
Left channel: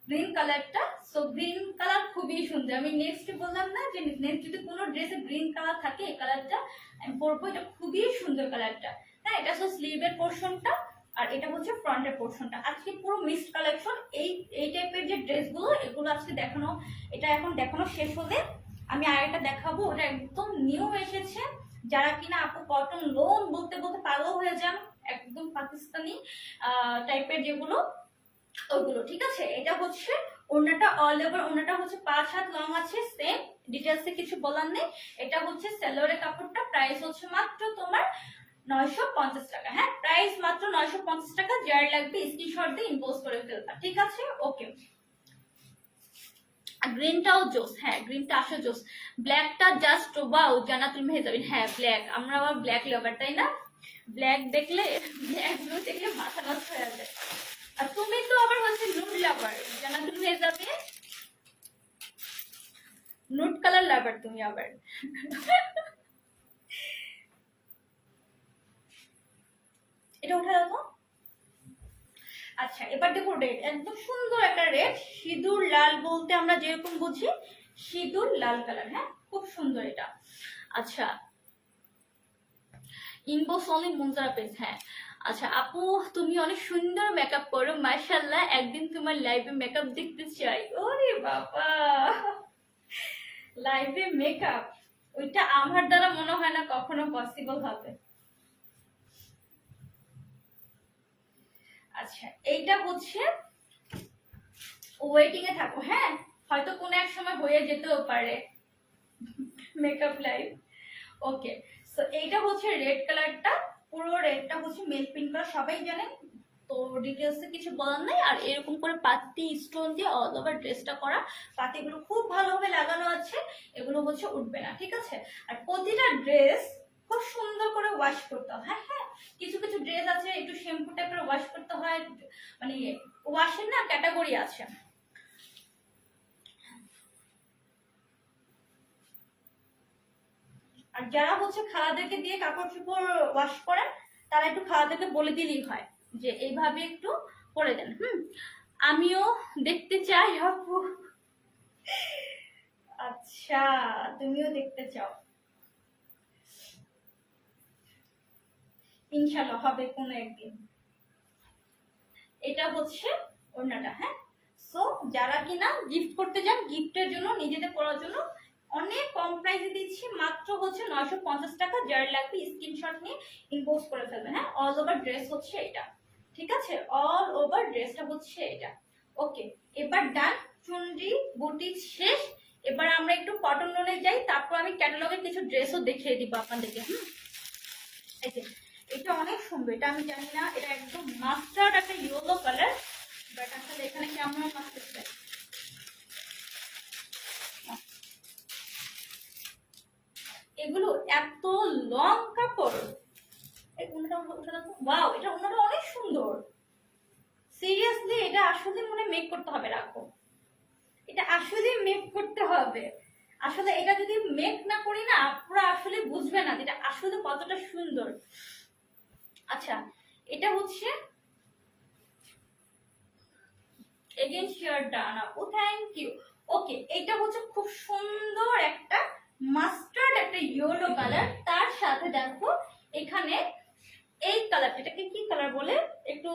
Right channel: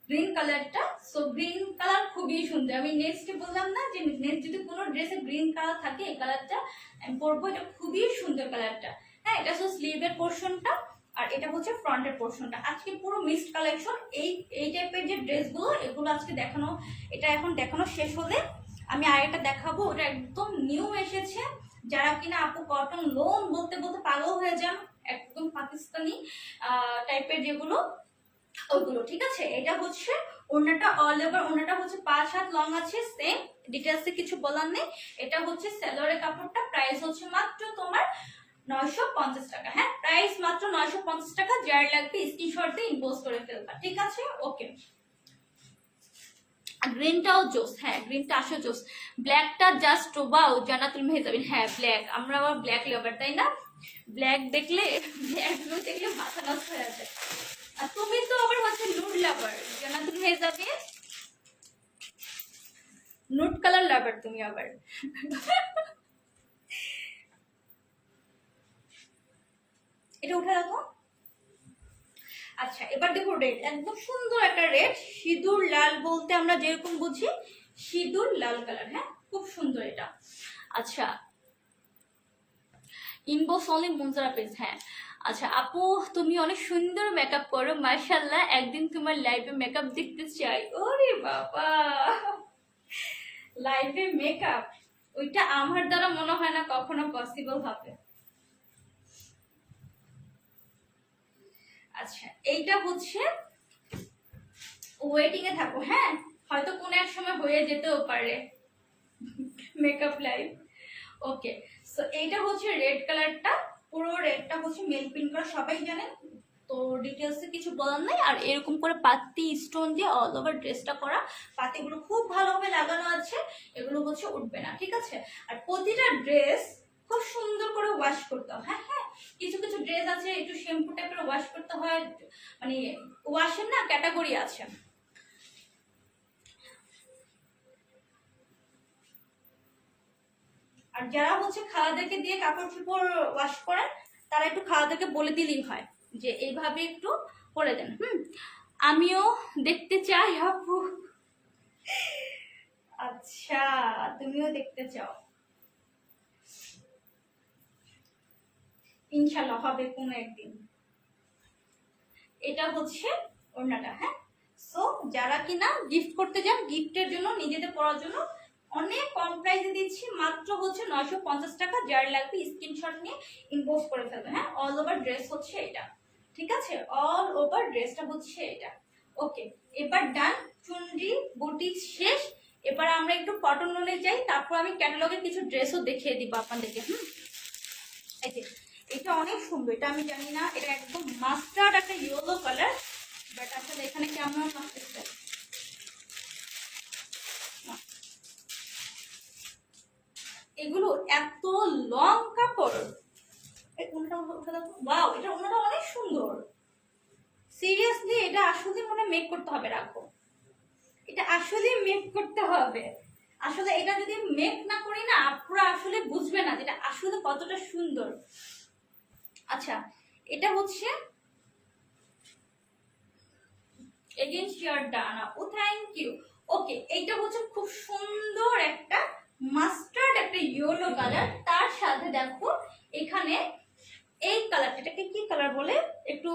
গ্রিন কালারটা। সো গ্রিন কালার খুবই সুন্দর। আমি নেক্সট বললাম না যে নেক্সট যদি কোনো ড্রেসে গ্রিন কালার থাকে এই কালারটা আমি পরবো। এটা খুবই সুন্দর কালারটা। হ্যাঁ, এটা হচ্ছে স্লিভের পোর্শনটা আর এটা হচ্ছে ফ্রন্টের পোর্শনটা। আজকে পুরো মিক্সড কালেকশন। এই টাইপের যে ড্রেসগুলো এগুলো আজকে দেখানো, এটা এখন দেখানো শেষ হলে আমি আরেকটা দেখাবো। ওটা একদম নিউ এসেছে। যারা কিনা আপু কটন লোন বলতে বলতে পাগল হয়ে যান, একদম পাকিস্তানি টাইপের যেগুলো ওইগুলো, ঠিক আছে? এটা হচ্ছে ওড়নাটা, অল ওভার ওড়নাটা হচ্ছে 5 হাত লং আছে। সেম ডিটেলসে কিছু বলার নেই। এটা হচ্ছে সালোয়ারের কাপড়টা। প্রাইস হচ্ছে মাত্র তোমার 950 টাকা। হ্যাঁ, প্রাইস মাত্র 950 টাকা। যার লাগবে স্ক্রিনশট দিয়ে ইনবক্স করে ফেলবা, ঠিক আছে? ওকে, গ্রিনটাও জোস। হ্যাঁ, গ্রিনটা আসো জোস। ব্ল্যাকটা জাস্ট ওয়াও জান্নাতুল মেহজাবিন। হ্যাঁ, ব্ল্যাক, আমরা আবার ব্ল্যাক লাভার, তাই না? ব্ল্যাক দেখলে মাথা নষ্ট হয়ে যায়। আর তুমি তো আবার হচ্ছে নুড লাভার জান্নাতুল মেহজাবিন, নুড কালার লাভার তুমি আবার। এটা উঠে রাখো। আচ্ছা, এবার দেখো রেড, একদম সুন্দর একটা রেড, সিঁদুর লাল বলতে আমরা যেরকম বুঝি সিঁদুর লাল কালার। হ্যাঁ, খুব সুন্দর এটা। আচ্ছা, ইনবক্স অনলি মুনজারা পেজ। হ্যাঁ, আচ্ছা আপু তুমি অনেক সুন্দর মেকআপ করো, মাশাআল্লাহ, একদিন তোমার লাইভে মেকআপ দেখতে চাই। ওরে বাবা, লাইভে মেকআপ, ওইটা আমার দ্বারা মনে হয় না কখনো পসিবল হবে। আচ্ছা, এইটা হচ্ছে ওয়েটিং এ থাকো। হ্যাঁ, হয়তো কোনো এক সময় হয়ে যেতেও পারে মেকআপ লাইভ। ওকে, সো এইটা হচ্ছে রেড কালারটা। পুরো রেডটা হচ্ছে মেল প্রিন্ট করা, সবাই জানেন তো, ডিটেলসে কিছু বলার নাই। আর এরকম করে পাতি স্টোন দিয়ে অল ওভার ড্রেসটা করা। পাতিগুলো খুব ভালোভাবে লাগানো আছে, এগুলো হচ্ছে উঠবে না, ঠিক আছে? আর প্রতিটা ড্রেস খুব সুন্দর করে ওয়াশ করতে হয়। হ্যাঁ হ্যাঁ, কিছু কিছু ড্রেস আছে একটু শ্যাম্পু টাইপের ওয়াশ করতে হয়, মানে ওয়াশের না ক্যাটাগরি আছে। আর যারা হচ্ছে খালাদেরকে দিয়ে কাপড় চোপড় ওয়াশ করেন তারা একটু খালাদেরকে বলে দিলেই হয় যে এইভাবে একটু করে দেন। আমিও দেখতে চাই আপু। আচ্ছা, তুমিও দেখতে চাও, ইনশাল্লাহ হবে কোনো একদিন। এটা হচ্ছে ওড়নাটা। হ্যাঁ, সো যারা কিনা গিফট করতে যান, গিফটের জন্য নিজেদের পড়ার জন্য অনেক কম প্রাইসে দিচ্ছি, মাত্র হচ্ছে 950 টাকা। যার লাগবে স্ক্রিনশট নিয়ে ইনবক্স করে ফেলবে। হ্যাঁ, অল ওভার ড্রেস হচ্ছে এটা, ঠিক আছে? অল ওভার ড্রেসটা হচ্ছে এটা। ওকে, এবার ডান, চুনরি বুটিক শেষ। এবার আমরা একটু কটন লোনে যাই, তারপর আমি ক্যাটালগের কিছু ড্রেসও দেখিয়ে দিব আপনাদেরকে। এই যে এটা অনেক সুন্দর, এটা আমি জানি না, এটা একদম মাস্টার্ড একটা ইয়েলো কালার, বাট আসলে এখানে কেমন মাস্টার্ড, এগুলো এত লং কাপড়। ওয়াও, এটা ওনাটা অনেক সুন্দর। সিরিয়াসলি এটা আসলে মনে মেক করতে হবে। রাখো, এটা আসলে মেক করতে হবে। আসলে এটা যদি মেক না করি না আপনারা আসলে বুঝবে না যেটা আসলে কতটা সুন্দর। আচ্ছা, এটা হচ্ছে এগেইন শেয়ার ডানা। ও থ্যাংক ইউ। ওকে, এইটা হচ্ছে খুব সুন্দর একটা মাস্টার্ড একটা ইয়েলো কালার। তার সাথে দেখো এখানে এই কালারটা, এটাকে কি কালার বলে, একটু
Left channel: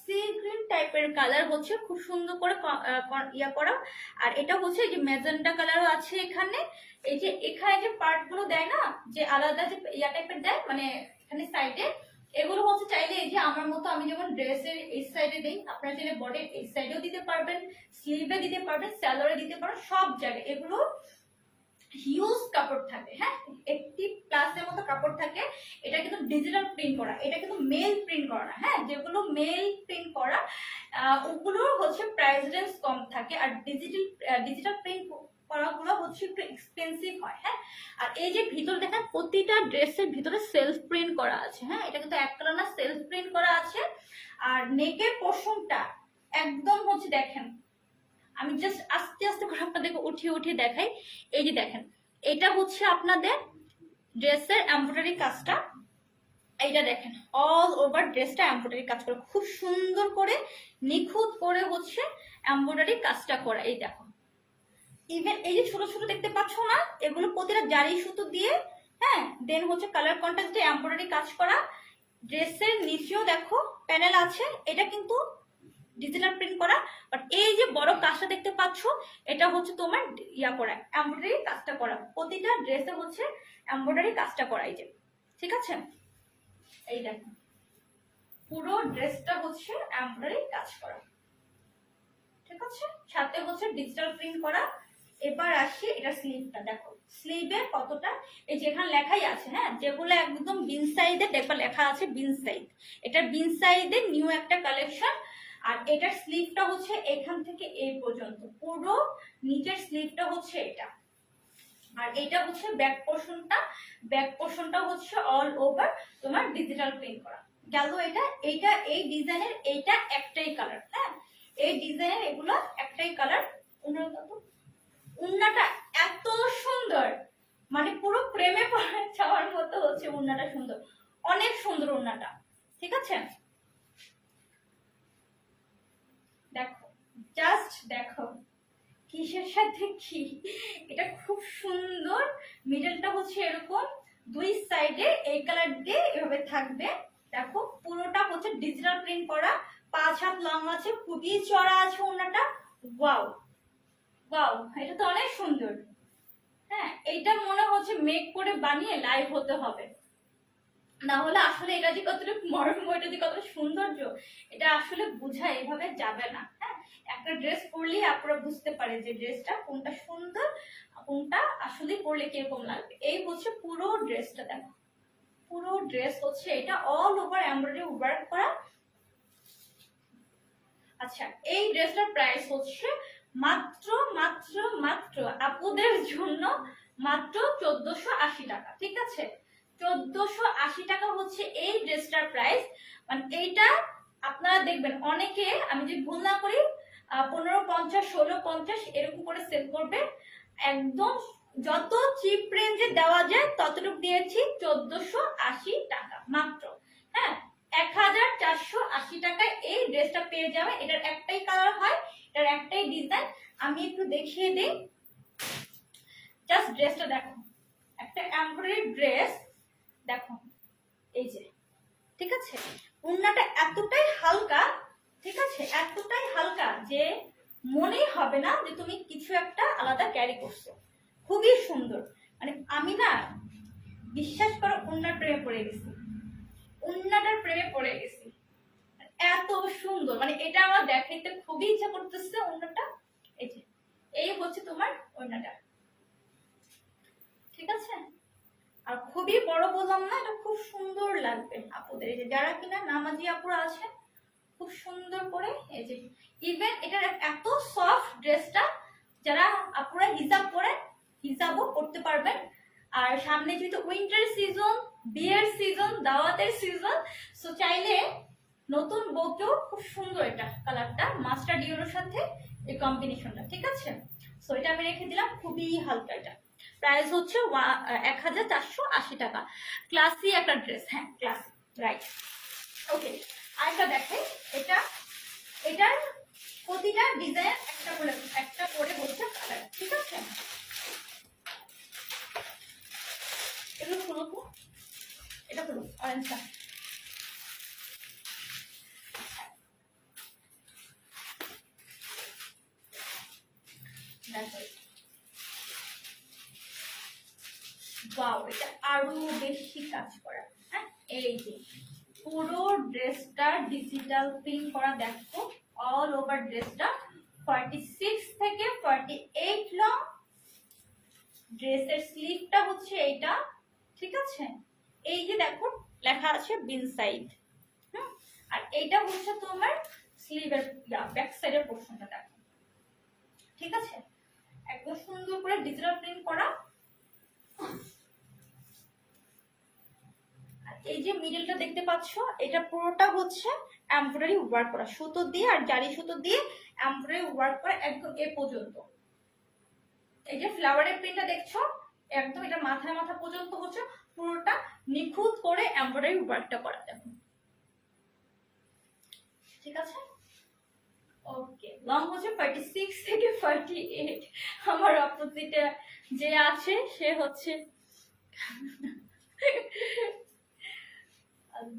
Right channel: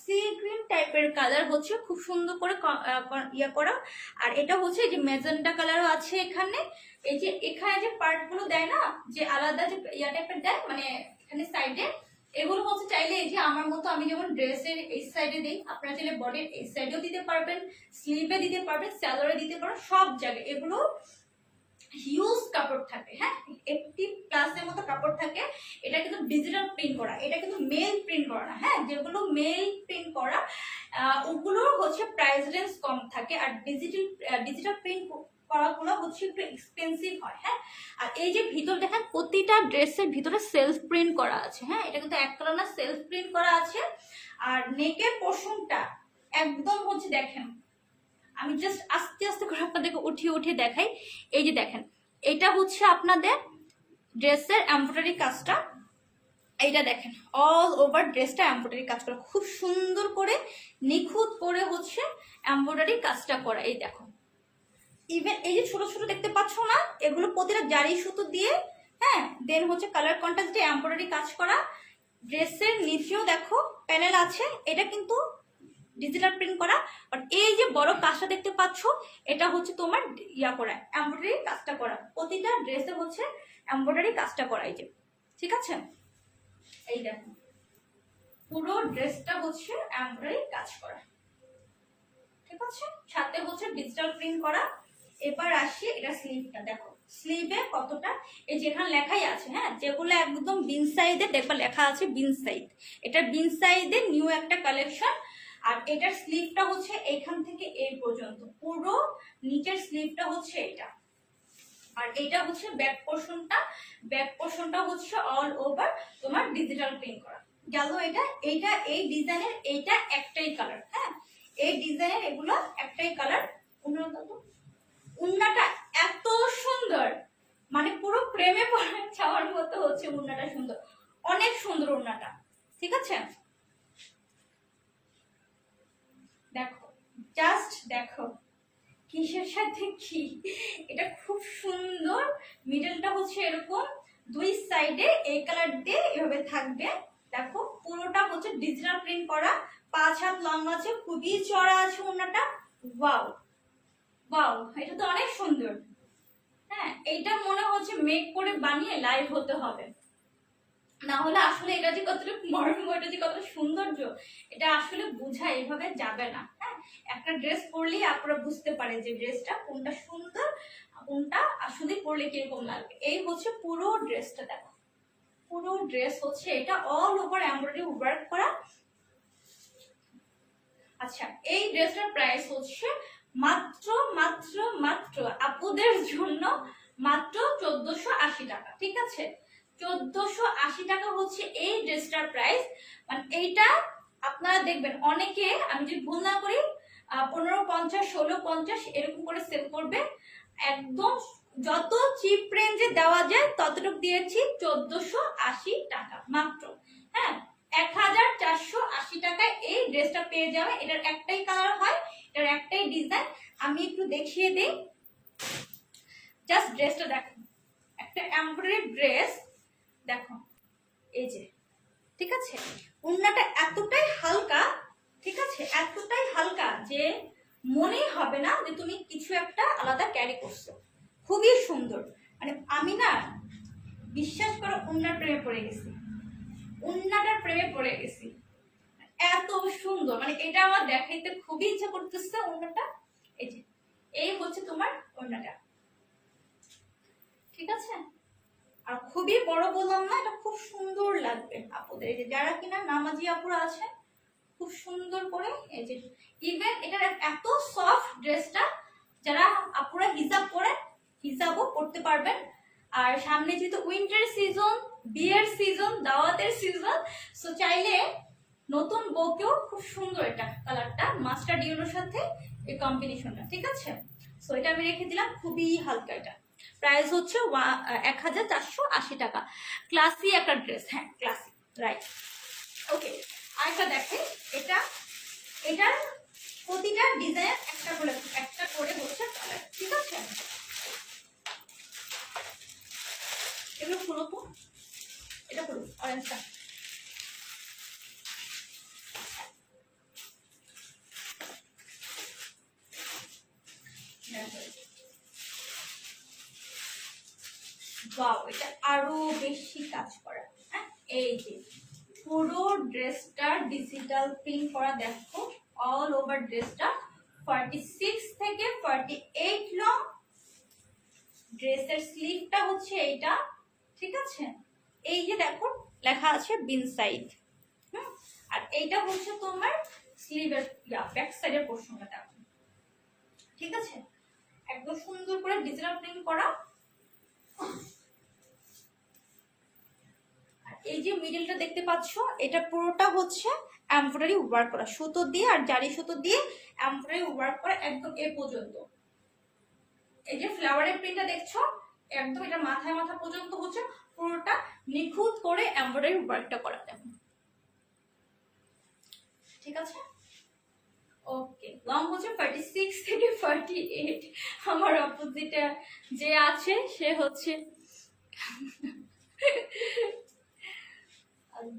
সি গ্রিন টাইপের কালার, হচ্ছে খুব সুন্দর করে ইয়া করা। আর এটা হচ্ছে যে ম্যাজেন্টা কালারও আছে এখানে। এই যে এখানে যে পার্ট গুলো দেয় না, যে আলাদা যে ইয়া টাইপের দেয়, মানে এখানে সাইডে, এগুলো হচ্ছে চাইলে এই যে আমার মতো আমি যেমন ড্রেসের এই সাইডে দিই, আপনারা চাইলে বডির এই সাইডেও দিতে পারবেন, স্লিভে দিতে পারবেন, স্যালোরে দিতে পারবেন, সব জায়গায়। এগুলো হিউজ কাপড় থাকে। হ্যাঁ, 80+ এর মতো কাপড় থাকে। এটা কিন্তু ডিজিটাল প্রিন্ট করা, এটা কিন্তু মেল প্রিন্ট করা না। হ্যাঁ, যেগুলো মেল প্রিন্ট করা ওগুলোর হচ্ছে প্রাইস রেঞ্জ কম থাকে। আর ডিজিটাল প্রিন্ট করাগুলো হচ্ছে একটু এক্সপেন্সিভ হয়। হ্যাঁ, আর এই যে ভিতর দেখেন প্রতিটা ড্রেসের ভিতরে সেলফ প্রিন্ট করা আছে। হ্যাঁ, এটা কিন্তু এক কালার না, সেলফ প্রিন্ট করা আছে। আর নেকের পোর্শনটা একদম হচ্ছে দেখেন, আমি জাস্ট আস্তে আস্তে করে আপনাদেরকে উঠিয়ে উঠিয়ে দেখাই। এই যে দেখেন, এটা হচ্ছে আপনাদের ড্রেসের এমব্রয়ডারি কাজটা। এইটা দেখেন অল ওভার ড্রেসটা এমব্রয়ডারি কাজ করা, খুব সুন্দর করে নিখুঁত করে হচ্ছে এমব্রয়ডারি কাজটা করা। এই দেখো, ইভেন এই যে ছোট ছোট দেখতে পাচ্ছ না, এগুলো প্রতিটা জারি সুতো দিয়ে, হ্যাঁ, দেন হচ্ছে কালার কন্ট্রাস্ট দিয়ে এমব্রয়ডারি কাজ করা। ড্রেসের নিচেও দেখো প্যানেল আছে, এটা কিন্তু ডিজিটাল প্রিন্ট করা। বাট এই যে বড় কাজটা দেখতে পাচ্ছ, এটা হচ্ছে তোমার ইয়া করা, এমব্রয়ডারি কাজটা করা। প্রতিটা ড্রেসে হচ্ছে এমব্রয়ডারি কাজটা করা। এই যে, ঠিক আছে, এই দেখো পুরো ড্রেসটা হচ্ছে এমব্রয়ডারি কাজ করা, ঠিক আছে, সাথে হচ্ছে ডিজিটাল প্রিন্ট করা। এবার আসি এটা স্লিভটা, দেখো স্লিভে কতটা, এই যেখানে লেখাই আছে, হ্যাঁ, যেগুলো একদম বিন সাইজে দেখবা লেখা আছে বিন সাইজ, এটা বিন সাইজে নিউ একটা কালেকশন। আর এটার স্লিভটা হচ্ছে এখান থেকে এই পর্যন্ত, পুরো নিচের স্লিভটা হচ্ছে এটা। আর এইটা হচ্ছে ব্যাক পোর্শনটা, ব্যাক পোর্শনটা হচ্ছে অল ওভার তোমার ডিজিটাল প্রিন্ট করা গেল। এইটা এই ডিজাইনের এইটা একটাই কালার। হ্যাঁ, এই ডিজাইনের এগুলো একটাই কালার। উন্নাটা এত সুন্দর, মানে পুরো প্রেমে পড়ে যাওয়ার মতো হচ্ছে উন্নাটা সুন্দর, অনেক সুন্দর উন্নাটা, ঠিক আছে। দেখো, জাস্ট দেখো কিসের সাথে কি, এটা খুব সুন্দর। মিডলটা হচ্ছে এরকম, দুই সাইডে এই কালার দিয়ে এভাবে থাকবে। দেখো পুরোটা হচ্ছে ডিজিটাল প্রিন্ট করা, 5 হাত লং আছে, খুবই চড়া আছে ওড়নাটা। ওয়াও ওয়াও, এটা তো অনেক সুন্দর। হ্যাঁ, এটা মনে হচ্ছে মেক করে বানিয়ে লাইভ হতে হবে, না হলে আসলে এটা যে কতটা মর্ম, এটা যে কতটা সৌন্দর্য, এটা আসলে বোঝা এভাবে যাবে না। হ্যাঁ, একটা ড্রেস পরলে আপনারা বুঝতে পারে যে ড্রেসটা কোনটা সুন্দর, কোনটা আসলে পরলে কিরকম লাগবে। এই হচ্ছে পুরো ড্রেসটা, দেখো পুরো ড্রেস হচ্ছে এটা অল ওভার এমব্রয়ডারি ওয়ার্ক করা। আচ্ছা, এই ড্রেসটার প্রাইস হচ্ছে মাত্র মাত্র মাত্র আপুদের জন্য মাত্র 1480 টাকা, ঠিক আছে। 1480 টাকা হচ্ছে এই ড্রেসটার প্রাইস। মানে এইটা আপনারা দেখবেন অনেকে, আমি যদি ভুল না করি, 1550 1650 এরকম করে সেল করবে। একদম যত চিপ রেঞ্জে দেওয়া যায় ততটুকু দিয়েছি 1480 টাকা মাত্র। হ্যাঁ, 1480 টাকায় এই ড্রেসটা পেয়ে যাবে। এটার একটাই কালার হয়, এটার একটাই ডিজাইন। আমি একটু দেখিয়ে দিই, জাস্ট ড্রেসটা দেখো, একটা এমব্রয়ডারি ড্রেস, দেখো এই যে, ঠিক আছে। ওড়নাটা এতটাই হালকা, ঠিক আছে, এতটাই হালকা যে মনেই হবে না যে তুমি কিছু একটা আলাদা ক্যারি করছো। খুবই সুন্দর, মানে আমি না বিশ্বাস করো ওড়নার প্রেমে পড়ে গেছি, ওড়নাটার প্রেমে পড়ে গেছি, এত সুন্দর। মানে এটা আমার দেখাইতে খুবই ইচ্ছা করতেছে ওড়নাটা। এই যে, এই হচ্ছে তোমার ওড়নাটা, ঠিক আছে। আর খুবই বড় বললাম না, এটা খুব সুন্দর লাগবে আপুদের। এই যে যারা কিনা নামাজি আপুরা আছে, খুব সুন্দর করে, এই যে ইভেন এটার এত সফট ড্রেসটা, যারা আপুরা হিজাব পরে হিজাবও পড়তে পারবেন। আর সামনে যেহেতু উইন্টার সিজন, বিয়ের সিজন, দাওয়াতের সিজন, সো চাইলে নতুন বউকেও খুব সুন্দর এটা কালারটা, মাস্টার্ড ইয়েলোর সাথে এই কম্বিনেশনটা, ঠিক আছে। সো এটা আমি রেখে দিলাম, খুবই হালকা। এটা প্রাইস হচ্ছে 1480 টাকা। ক্লাসি একটা ড্রেস, হ্যাঁ ক্লাসি, রাইট। ওকে, আরেকটা দেখে, এটার প্রতিটা ডিজাইন একটা করে হচ্ছে কালার, ঠিক আছে। এগুলো খুলো তো, এটা খুলো, অরেঞ্জটা। ওয়াও, এটা আরো বেশি কাজ করা। হ্যাঁ, এই যে পুরো ড্রেসটা ডিজিটাল প্রিন্ট করা, দেখো অল ওভার ড্রেসটা 46 থেকে 48 লং। ড্রেসের স্লিভটা হচ্ছে এইটা, ঠিক আছে। এই যে দেখো লেখা আছে বিন সাইড, আর এইটা হচ্ছে তোমার স্লিভের ব্যাক সাইডের পোর্শনটা, দেখো, ঠিক আছে। একদম সুন্দর করে ডিজিটাল প্রিন্ট করা। এই যে মিডলটা দেখতে পাচ্ছ, এটা পুরোটা হচ্ছে এমব্রয়ডারি ওয়ার্ক করা, সুতো দিয়ে আর জারি সুতো দিয়ে এমব্রয়ডারি ওয়ার্ক করা একদম এ পর্যন্ত। এই যে ফ্লাওয়ারের প্রিন্টটা দেখছো, একদম এটা মাথা পর্যন্ত হচ্ছে পুরোটা নিখুঁত করে এমব্রয়ডারি ওয়ার্কটা করা যাবে। ঠিক আছে, ওকে। লং হচ্ছে 46 থেকে 48। আমার অপোজিটে যে আছে সে হচ্ছে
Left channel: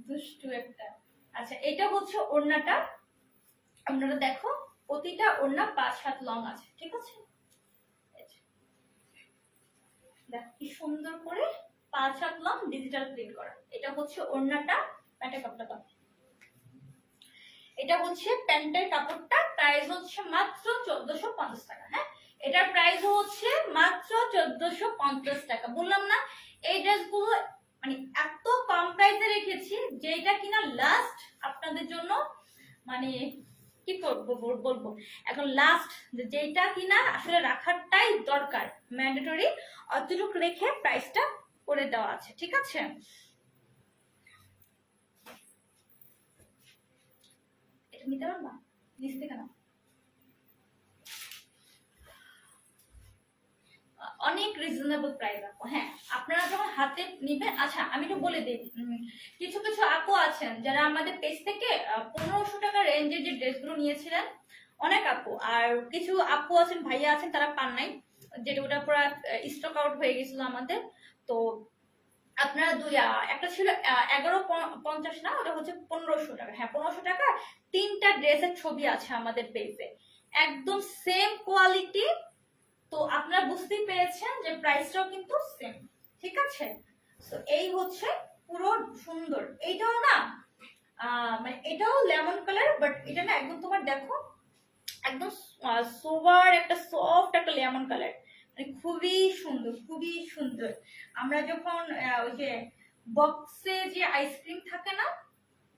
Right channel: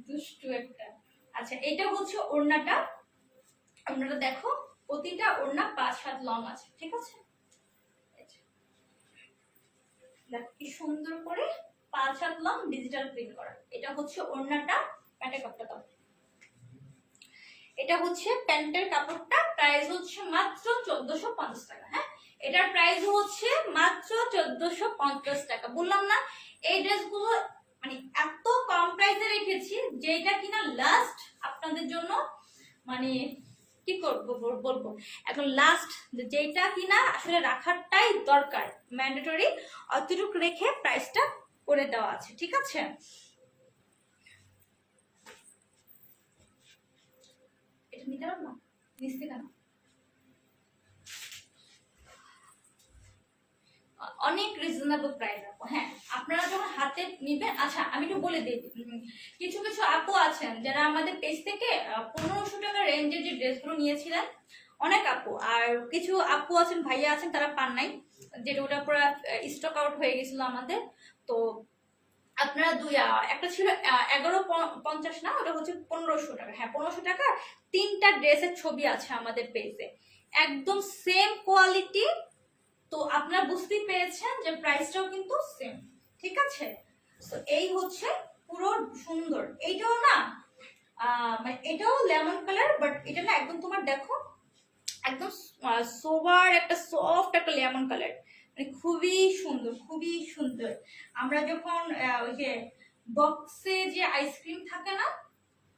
দুষ্টু একটা। আচ্ছা, এটা হচ্ছে ওড়নাটা। ওড়নাটা দেখো, প্রতিটা ওড়না 5 হাত লং আছে। ঠিক আছে, দেখো কি সুন্দর করে 5 হাত লং ডিজিটাল প্রিন্ট করা। এটা হচ্ছে ওড়নাটা। প্যান্টের কাপড়টা দাও। এটা হচ্ছে প্যান্টের কাপড়টা, প্রাইস হচ্ছে মাত্র 1450 টাকা। হ্যাঁ, এটার প্রাইস হচ্ছে মাত্র 1450 টাকা। বললাম না এই ড্রেসগুলো মানে এত কম প্রাইসে রেখেছি, যেটা কিনা লাস্ট আপনাদের জন্য মানে কি করবো বলবো, এখন লাস্ট যেটা কিনা আসলে রাখারটাই দরকার, ম্যান্ডেটরি, অতটুকু রেখে প্রাইসটা করে দেওয়া আছে। ঠিক আছে, এটা নিতে পারো না, নিচ থেকে না, অনেক রিজনেবল প্রাইস আপু। হ্যাঁ, আপনারা যখন হাতে নিবেন। আচ্ছা, আমি একটু বলে দিই, কিছু কিছু আপু আছেন যারা আমাদের পেজ থেকে 1500 টাকা রেঞ্জের যে ড্রেসগুলো নিয়েছিলেন, অনেক আপু। আর কিছু আপু আছেন, ভাইয়া আছেন, তারা পান নাই, যেটা ওটা পুরো স্টক আউট হয়ে গেছিল আমাদের। তো আপনারা একটা ছিল 1150 না, ওটা হচ্ছে 1500 টাকা। হ্যাঁ, 1500 টাকা 3টা ড্রেসের ছবি আছে আমাদের পেজে, একদম সেম কোয়ালিটি। তো আপনারা বুঝতেই পেরেছেন যে প্রাইসটাও কিন্তু সেম। ঠিক আছে, তো এই হচ্ছে পুরো সুন্দর। এইটাও না মানে এটাও লেমন কালার, বাট এটা না একদম তোমার দেখো একদম সোবার একটা সফট একটা লেমন কালার, মানে খুবই সুন্দর, খুবই সুন্দর। আমরা যখন ওই যে বক্সে যে আইসক্রিম থাকে না,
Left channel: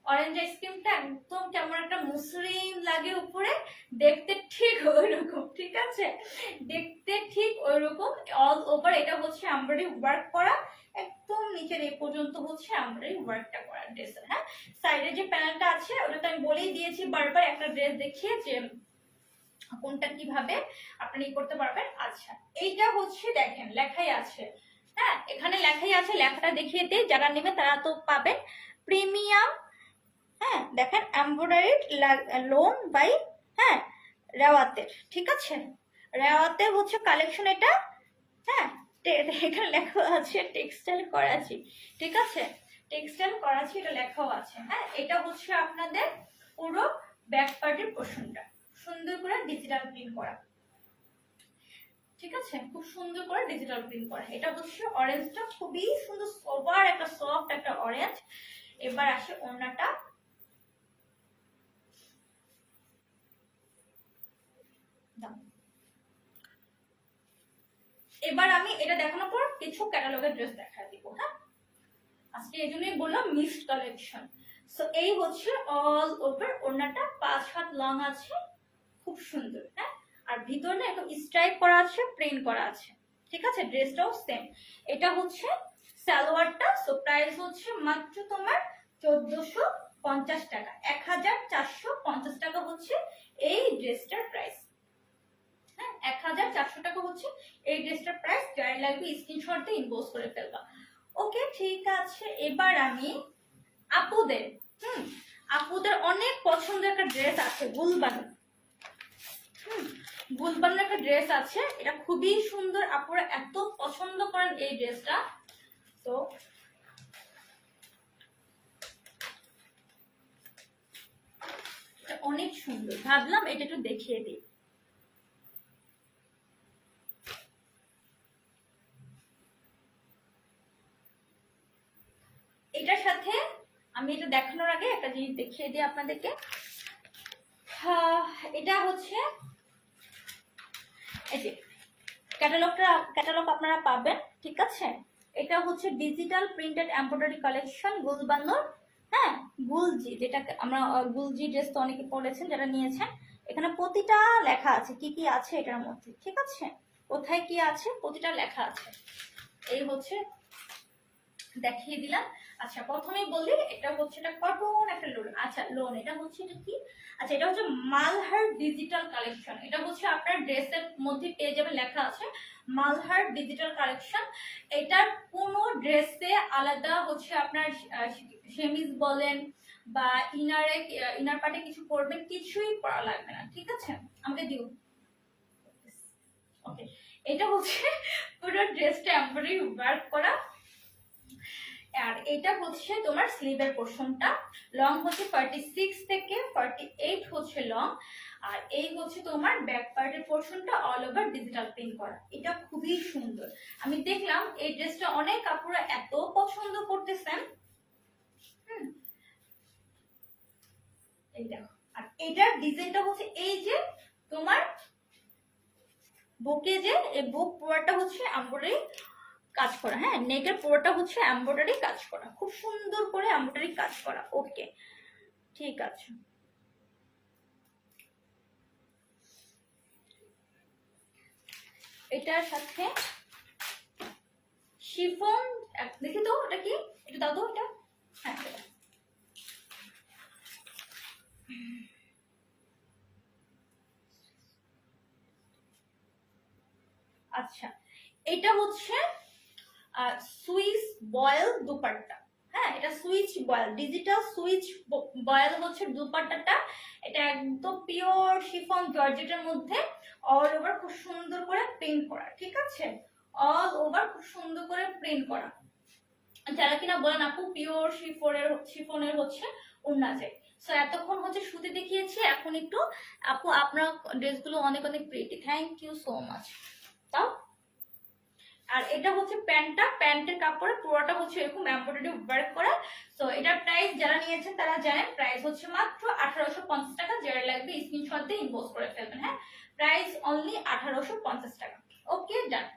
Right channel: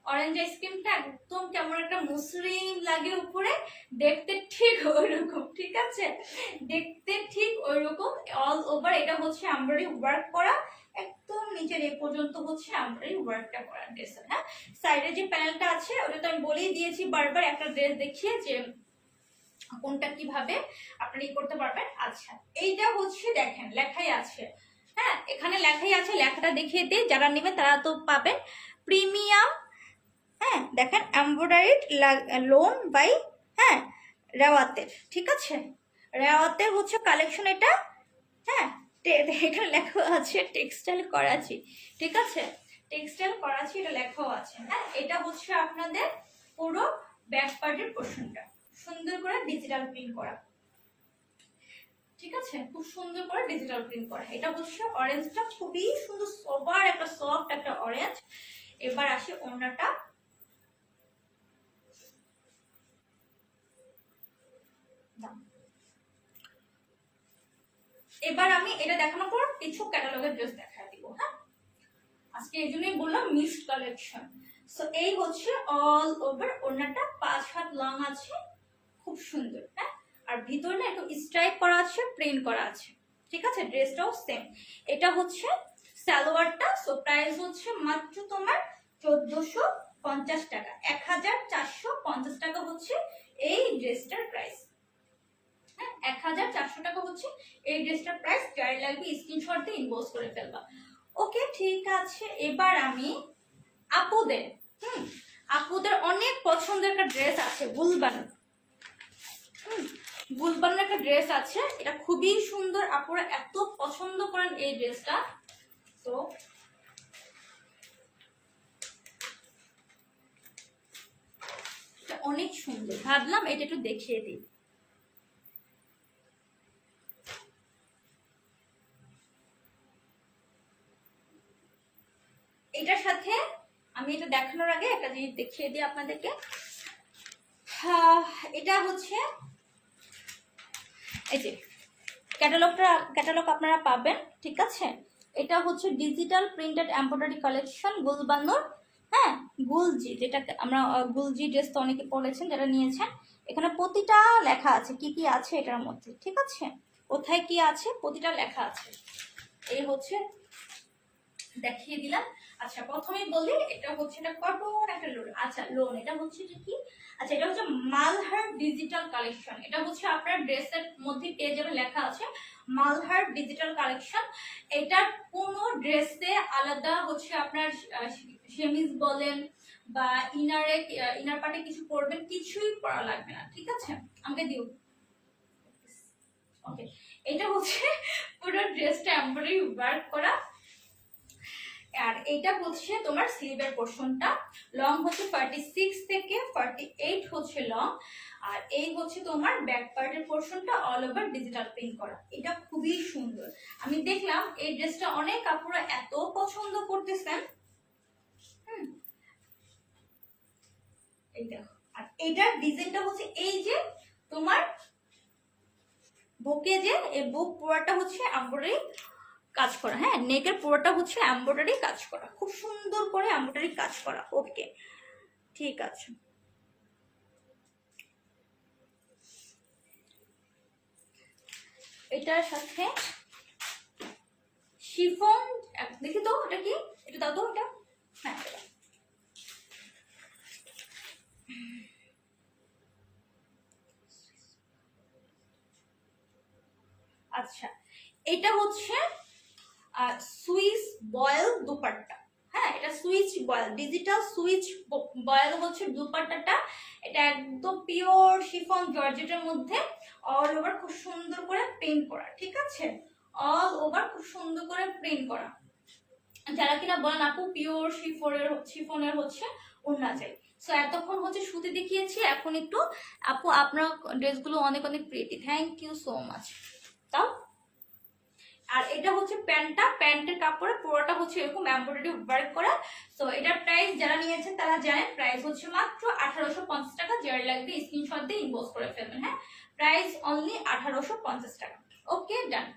অরেঞ্জ আইসক্রিমটা একদম কেমন একটা মসৃণ লাগে উপরে, দেখতে ঠিক ওইরকম। ঠিক আছে, দেখতে ঠিক ওইরকম অল ওভার। এটা হচ্ছে এমব্রয়ডারি ওয়ার্ক করা, একদম নিচের এই পর্যন্ত হচ্ছে এমব্রয়ডারি ওয়ার্কটা করা ড্রেসের। হ্যাঁ, সাইডে যে প্যানেলটা আছে ওটা তো আমি বলেই দিয়েছি বারবার, একটা ড্রেস দেখিয়ে যে কোনটা কিভাবে আপনি করতে পারবেন। আচ্ছা, এইটা হচ্ছে দেখেন লেখাই আছে। হ্যাঁ, এখানে লেখাই আছে, লেখাটা দেখিয়ে দিই, যারা নেবে তারা তো পাবেন। প্রিমিয়াম, হ্যাঁ দেখেন, এমব্রয়ডারি লোন বাই, হ্যাঁ রেওয়াতের। ঠিক আছে, রেওয়াতের হচ্ছে কালেকশন এটা। হ্যাঁ, এখানে লেখা আছে টেক্সটাইল করাচি। ঠিক আছে, টেক্সটাইল করাচি এটা লেখাও আছে। হ্যাঁ, এটা হচ্ছে আপনাদের পুরো ব্যাক পার্টের পোর্শনটা, সুন্দর করে ডিজিটাল প্রিন্ট করা। ঠিক আছে, খুব সুন্দর করে ডিজিটাল প্রিন্ট করা। এটা হচ্ছে অরেঞ্জটা, খুবই সুন্দর সোবার একটা সফট একটা অরেঞ্জ। এবার আসে ওড়নাটা। এবার আমি এটা দেখানোর পর কিছু ক্যাটালগের ড্রেস দেখা দিব। হ্যাঁ, আজকে এই জন্যই বললাম মিক্সড কালেকশন। সো এই হচ্ছে অল ওভার ওড়নাটা, 5 হাত লং আছে, খুব সুন্দর। হ্যাঁ, আর ভিতরে একদম স্ট্রাইপ করা আছে, প্লেন করা আছে। ঠিক আছে, ড্রেসটাও সেম। এটা হচ্ছে সালোয়ারটা। সো প্রাইস হচ্ছে মাত্র তোমার 1450 টাকা, 1450 টাকা হচ্ছে এই ড্রেসটার প্রাইস। 1400 টাকা হচ্ছে এই ড্রেসটার প্রাইস। যার লাগবে স্ক্রিনশট দিয়ে ইনবক্স করে ফেলবা। ওকে, ঠিক আছে। এবার আমি আপুদের আপুদের অনেক পছন্দের একটা ড্রেস আছে, গুলবান। গুলবানের একটা ড্রেস আছে, এটা খুবই সুন্দর, আপুরা এত পছন্দ করেন এই ড্রেসটা। তো অনেক সুন্দর, ভাবলাম এটা একটু দেখিয়ে দিই। এটার সাথে আমি এটা দেখানোর আগে একটা জিনিস দেখিয়ে দিই আপনাদেরকে। এটা হচ্ছে এই যে ক্যাটালগ আপনারা পাবেন। ঠিক আছে, এটা হচ্ছে ডিজিটাল প্রিন্টেড এমব্রয়ডারি কালেকশন গুলবানুর। হ্যাঁ, গুলজি, যেটা আমরা গুলজি ড্রেস তো অনেকে পরেছেন যারা নিয়েছেন। এখানে প্রতিটা লেখা আছে কি কি আছে এটার মধ্যে। ঠিক আছে, কোথায় কি আছে প্রতিটা লেখা আছে। এই হচ্ছে দেখিয়ে দিলাম। আচ্ছা প্রথমেই বলি এটা হচ্ছে এটা কটন একটা লোন। আচ্ছা লোন এটা হচ্ছে এটা কি, আচ্ছা এটা হচ্ছে মালহার ডিজিটাল কালেকশন। এটা হচ্ছে আপনার ড্রেসের মধ্যে পেয়ে যাবেন, লেখা আছে মালহার ডিজিটাল কালেকশন। এটার কোনো ড্রেসে আলাদা হচ্ছে আপনার সেমিজ বলেন বা ইনার পার্টে কিছু পরবেন, কিছুই পরা লাগবে না, ঠিক আছে। আমাকে দিও। ওকে, এটা হচ্ছে পুরো ড্রেসটা এমব্রয়ডারি ওয়ার্ক করা। আর এটা হচ্ছে তোমার স্লিভের পোরশনটা, লং হচ্ছে 46 থেকে 48 হচ্ছে লং। আর এই হচ্ছে তোমার ব্যাক পার্টের পোরশনটা অল ওভার ডিজিটাল প্রিন্ট করা। এটা খুবই সুন্দর। আমি দেখলাম এই ড্রেসটা অনেক কাপড়রা এত পছন্দ করতেছেন। এই দেখো, আর এটার ডিজাইনটা হচ্ছে এই যে তোমার বুকে যে এই বুক পুরোটা হচ্ছে এমব্রয়ডারি কাজ করা, হ্যাঁ নেকের পুরোটা হচ্ছে এমব্রয়ডারি কাজ করা, খুব সুন্দর করে এমব্রয়ডারি কাজ করা। ওকে ঠিক আছে। এটার সাথে শিফন, দেখি তো এটা কি, এটা দাও তো এটা, হ্যাঁ এটা। আচ্ছা এটা হচ্ছে সুইস বয়েল দুপাট্টা, হ্যাঁ এটা Swiss voile, digital Swiss voile হচ্ছে দুপাট্টাটা। এটা একদম পিওর শিফন জর্জেটের মধ্যে অল ওভার খুব সুন্দর করে প্রিন্ট করা, ঠিক আছে, অল ওভার খুব সুন্দর করে প্রিন্ট করা। যারা কিনা বলেন আপু পিওর শিফনের হচ্ছে ওড়না চাই, সো এতক্ষণ হচ্ছে সুতি দেখিয়েছি, এখন একটু আপু আপনার ড্রেসগুলো অনেক অনেক pretty, thank you so much. তাও আর এটা হচ্ছে প্যান্টটা, প্যান্টের কাপড়ে পুরোটা হচ্ছে এরকম এমব্রয়ডারি ওয়ার্ক করা। সো এটার প্রাইস যারা নিয়েছেন তারা জানেন, প্রাইস হচ্ছে মাত্র 1850 টাকা। যারা লাগবে স্ক্রিনশট দিয়ে ইনবক্স করে ফেলবেন, হ্যাঁ প্রাইস অনলি 1850 টাকা। ওকে ডান।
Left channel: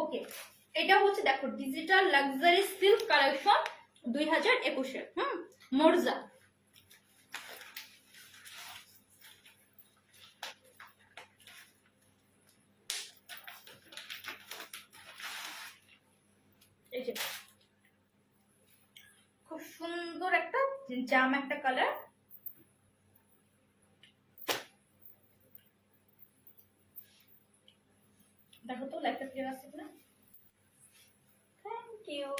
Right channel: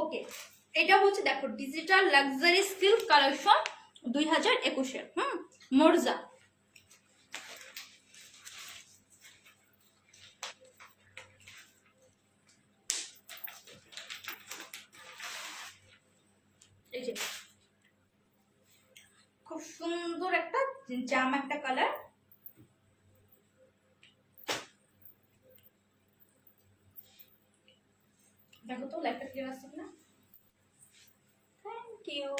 ওকে এটা হচ্ছে দেখো ডিজিটাল লাক্সারি সিল্ক কালেকশন 2021 মোরজা। এই যে খুব সুন্দর একটা জাম একটা কালার। দেখো তো লাইটটা ক্লিয়ার আসছে কিনা, থ্যাংক ইউ।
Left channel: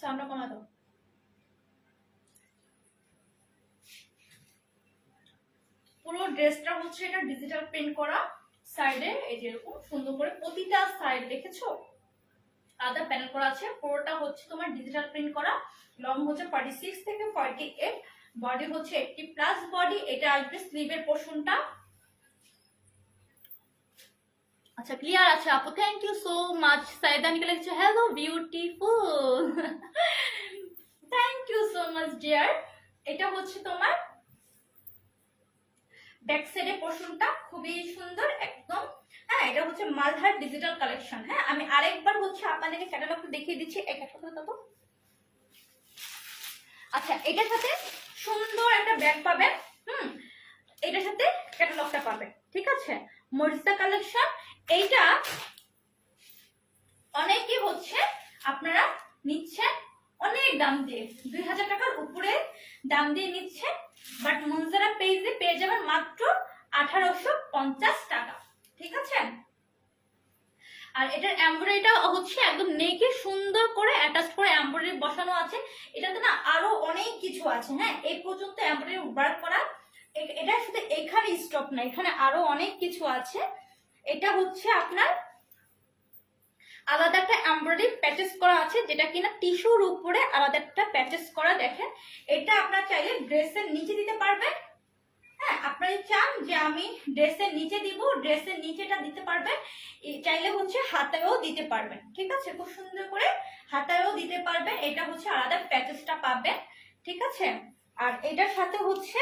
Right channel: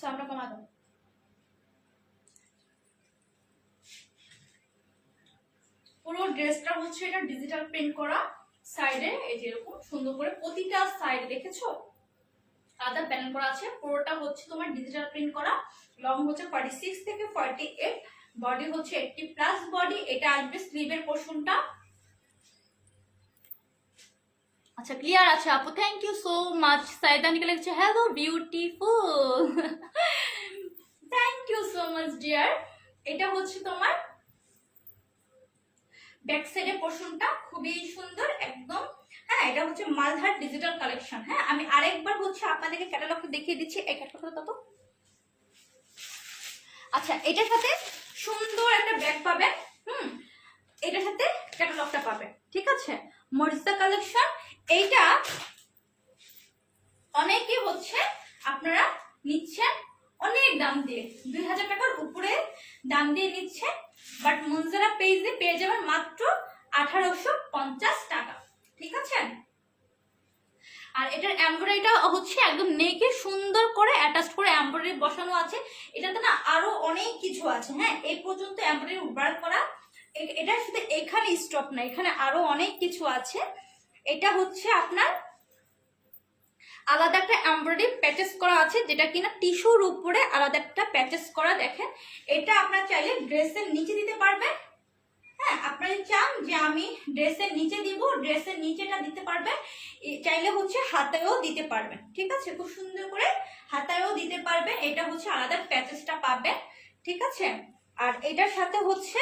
সাউন্ডটা কমা দাও। পুরো ড্রেসটা হচ্ছে এটা ডিজিটাল প্রিন্ট করা, সাইডে এই যে এরকম সুন্দর করে প্রতিটা সাইড দেখেছো আলাদা প্যানেল করা আছে, পুরোটা হচ্ছে তোমার ডিজিটাল প্রিন্ট করা। লং হচ্ছে 46 থেকে 48, বডি হচ্ছে 80 প্লাস বডি। এটা আসবে স্লিভের পোরশনটা। আচ্ছা ক্লিয়ার আছে আপু, thank you so much. Saida নিকে লিখছে hello beautiful, thank you so much dear. এটা হচ্ছে তোমার ব্যাক সাইডের পোরশনটা, খুবই সুন্দর একদম। হ্যাঁ এটা হচ্ছে মালহার ডিজিটাল কালেকশন। হ্যাঁ আমি আরেকবার হচ্ছে আপনাদেরকে ক্যাটালগটা দেখিয়ে দিচ্ছি, এই ক্যাটালগটা তো। আচ্ছা এটার সাথে সুন্দর একটা ব্যাগ পাবেন, এটার সাথে ক্যাটালগটা পাবেন, ঠিক আছে। মরিসা কালেকশন, এইটা অনেকে হচ্ছে আপনারা নিচ্ছেন অনেক দাম দিয়ে, 2000 টাকার উপরে দাম দিয়ে নিচ্ছেন, বাট মনজারা পেজে পেয়ে যাবেন মাত্র 1850 টাকা, ঠিক আছে। আর এটার এমব্রয়ডারিটা হচ্ছে একদম নেকে সুন্দর করে অ্যাটাচ করে এমব্রয়ডারি বসানো আছে। এটাতে না আরো অনেক কিছু আছে, হ্যাঁ এই পর্যন্ত এমব্রয়ডারি ওয়ার্ক করা। এটা শুধু এখানে স্টপ না, এখানে আরো অনেক কিছু আছে। এটা হচ্ছে আপনার আলাদা একটা এমব্রয়ডারি প্যাচেস করা আছে, যেটা কিনা টিস্যুর উপরে আলাদা একটা প্যাচেস করা। দেখেন এটা আপনারা চাইলে ড্রেসের নিচে দিতে পারবেন। হ্যাঁ, আপনারা চান যে আমি ড্রেসের নিচে দিব, ড্রেসের নিচেটা দিতে পারবেন, চাইলে হচ্ছে হাতেও দিতে পারবেন। ঠিক আছে, খুব সুন্দর করে হাতায়ও দিতে পারবেন। এটা হচ্ছে আলাদা প্যাচেসটা পাবেন। ঠিক আছে, আর এটার সাথে হচ্ছে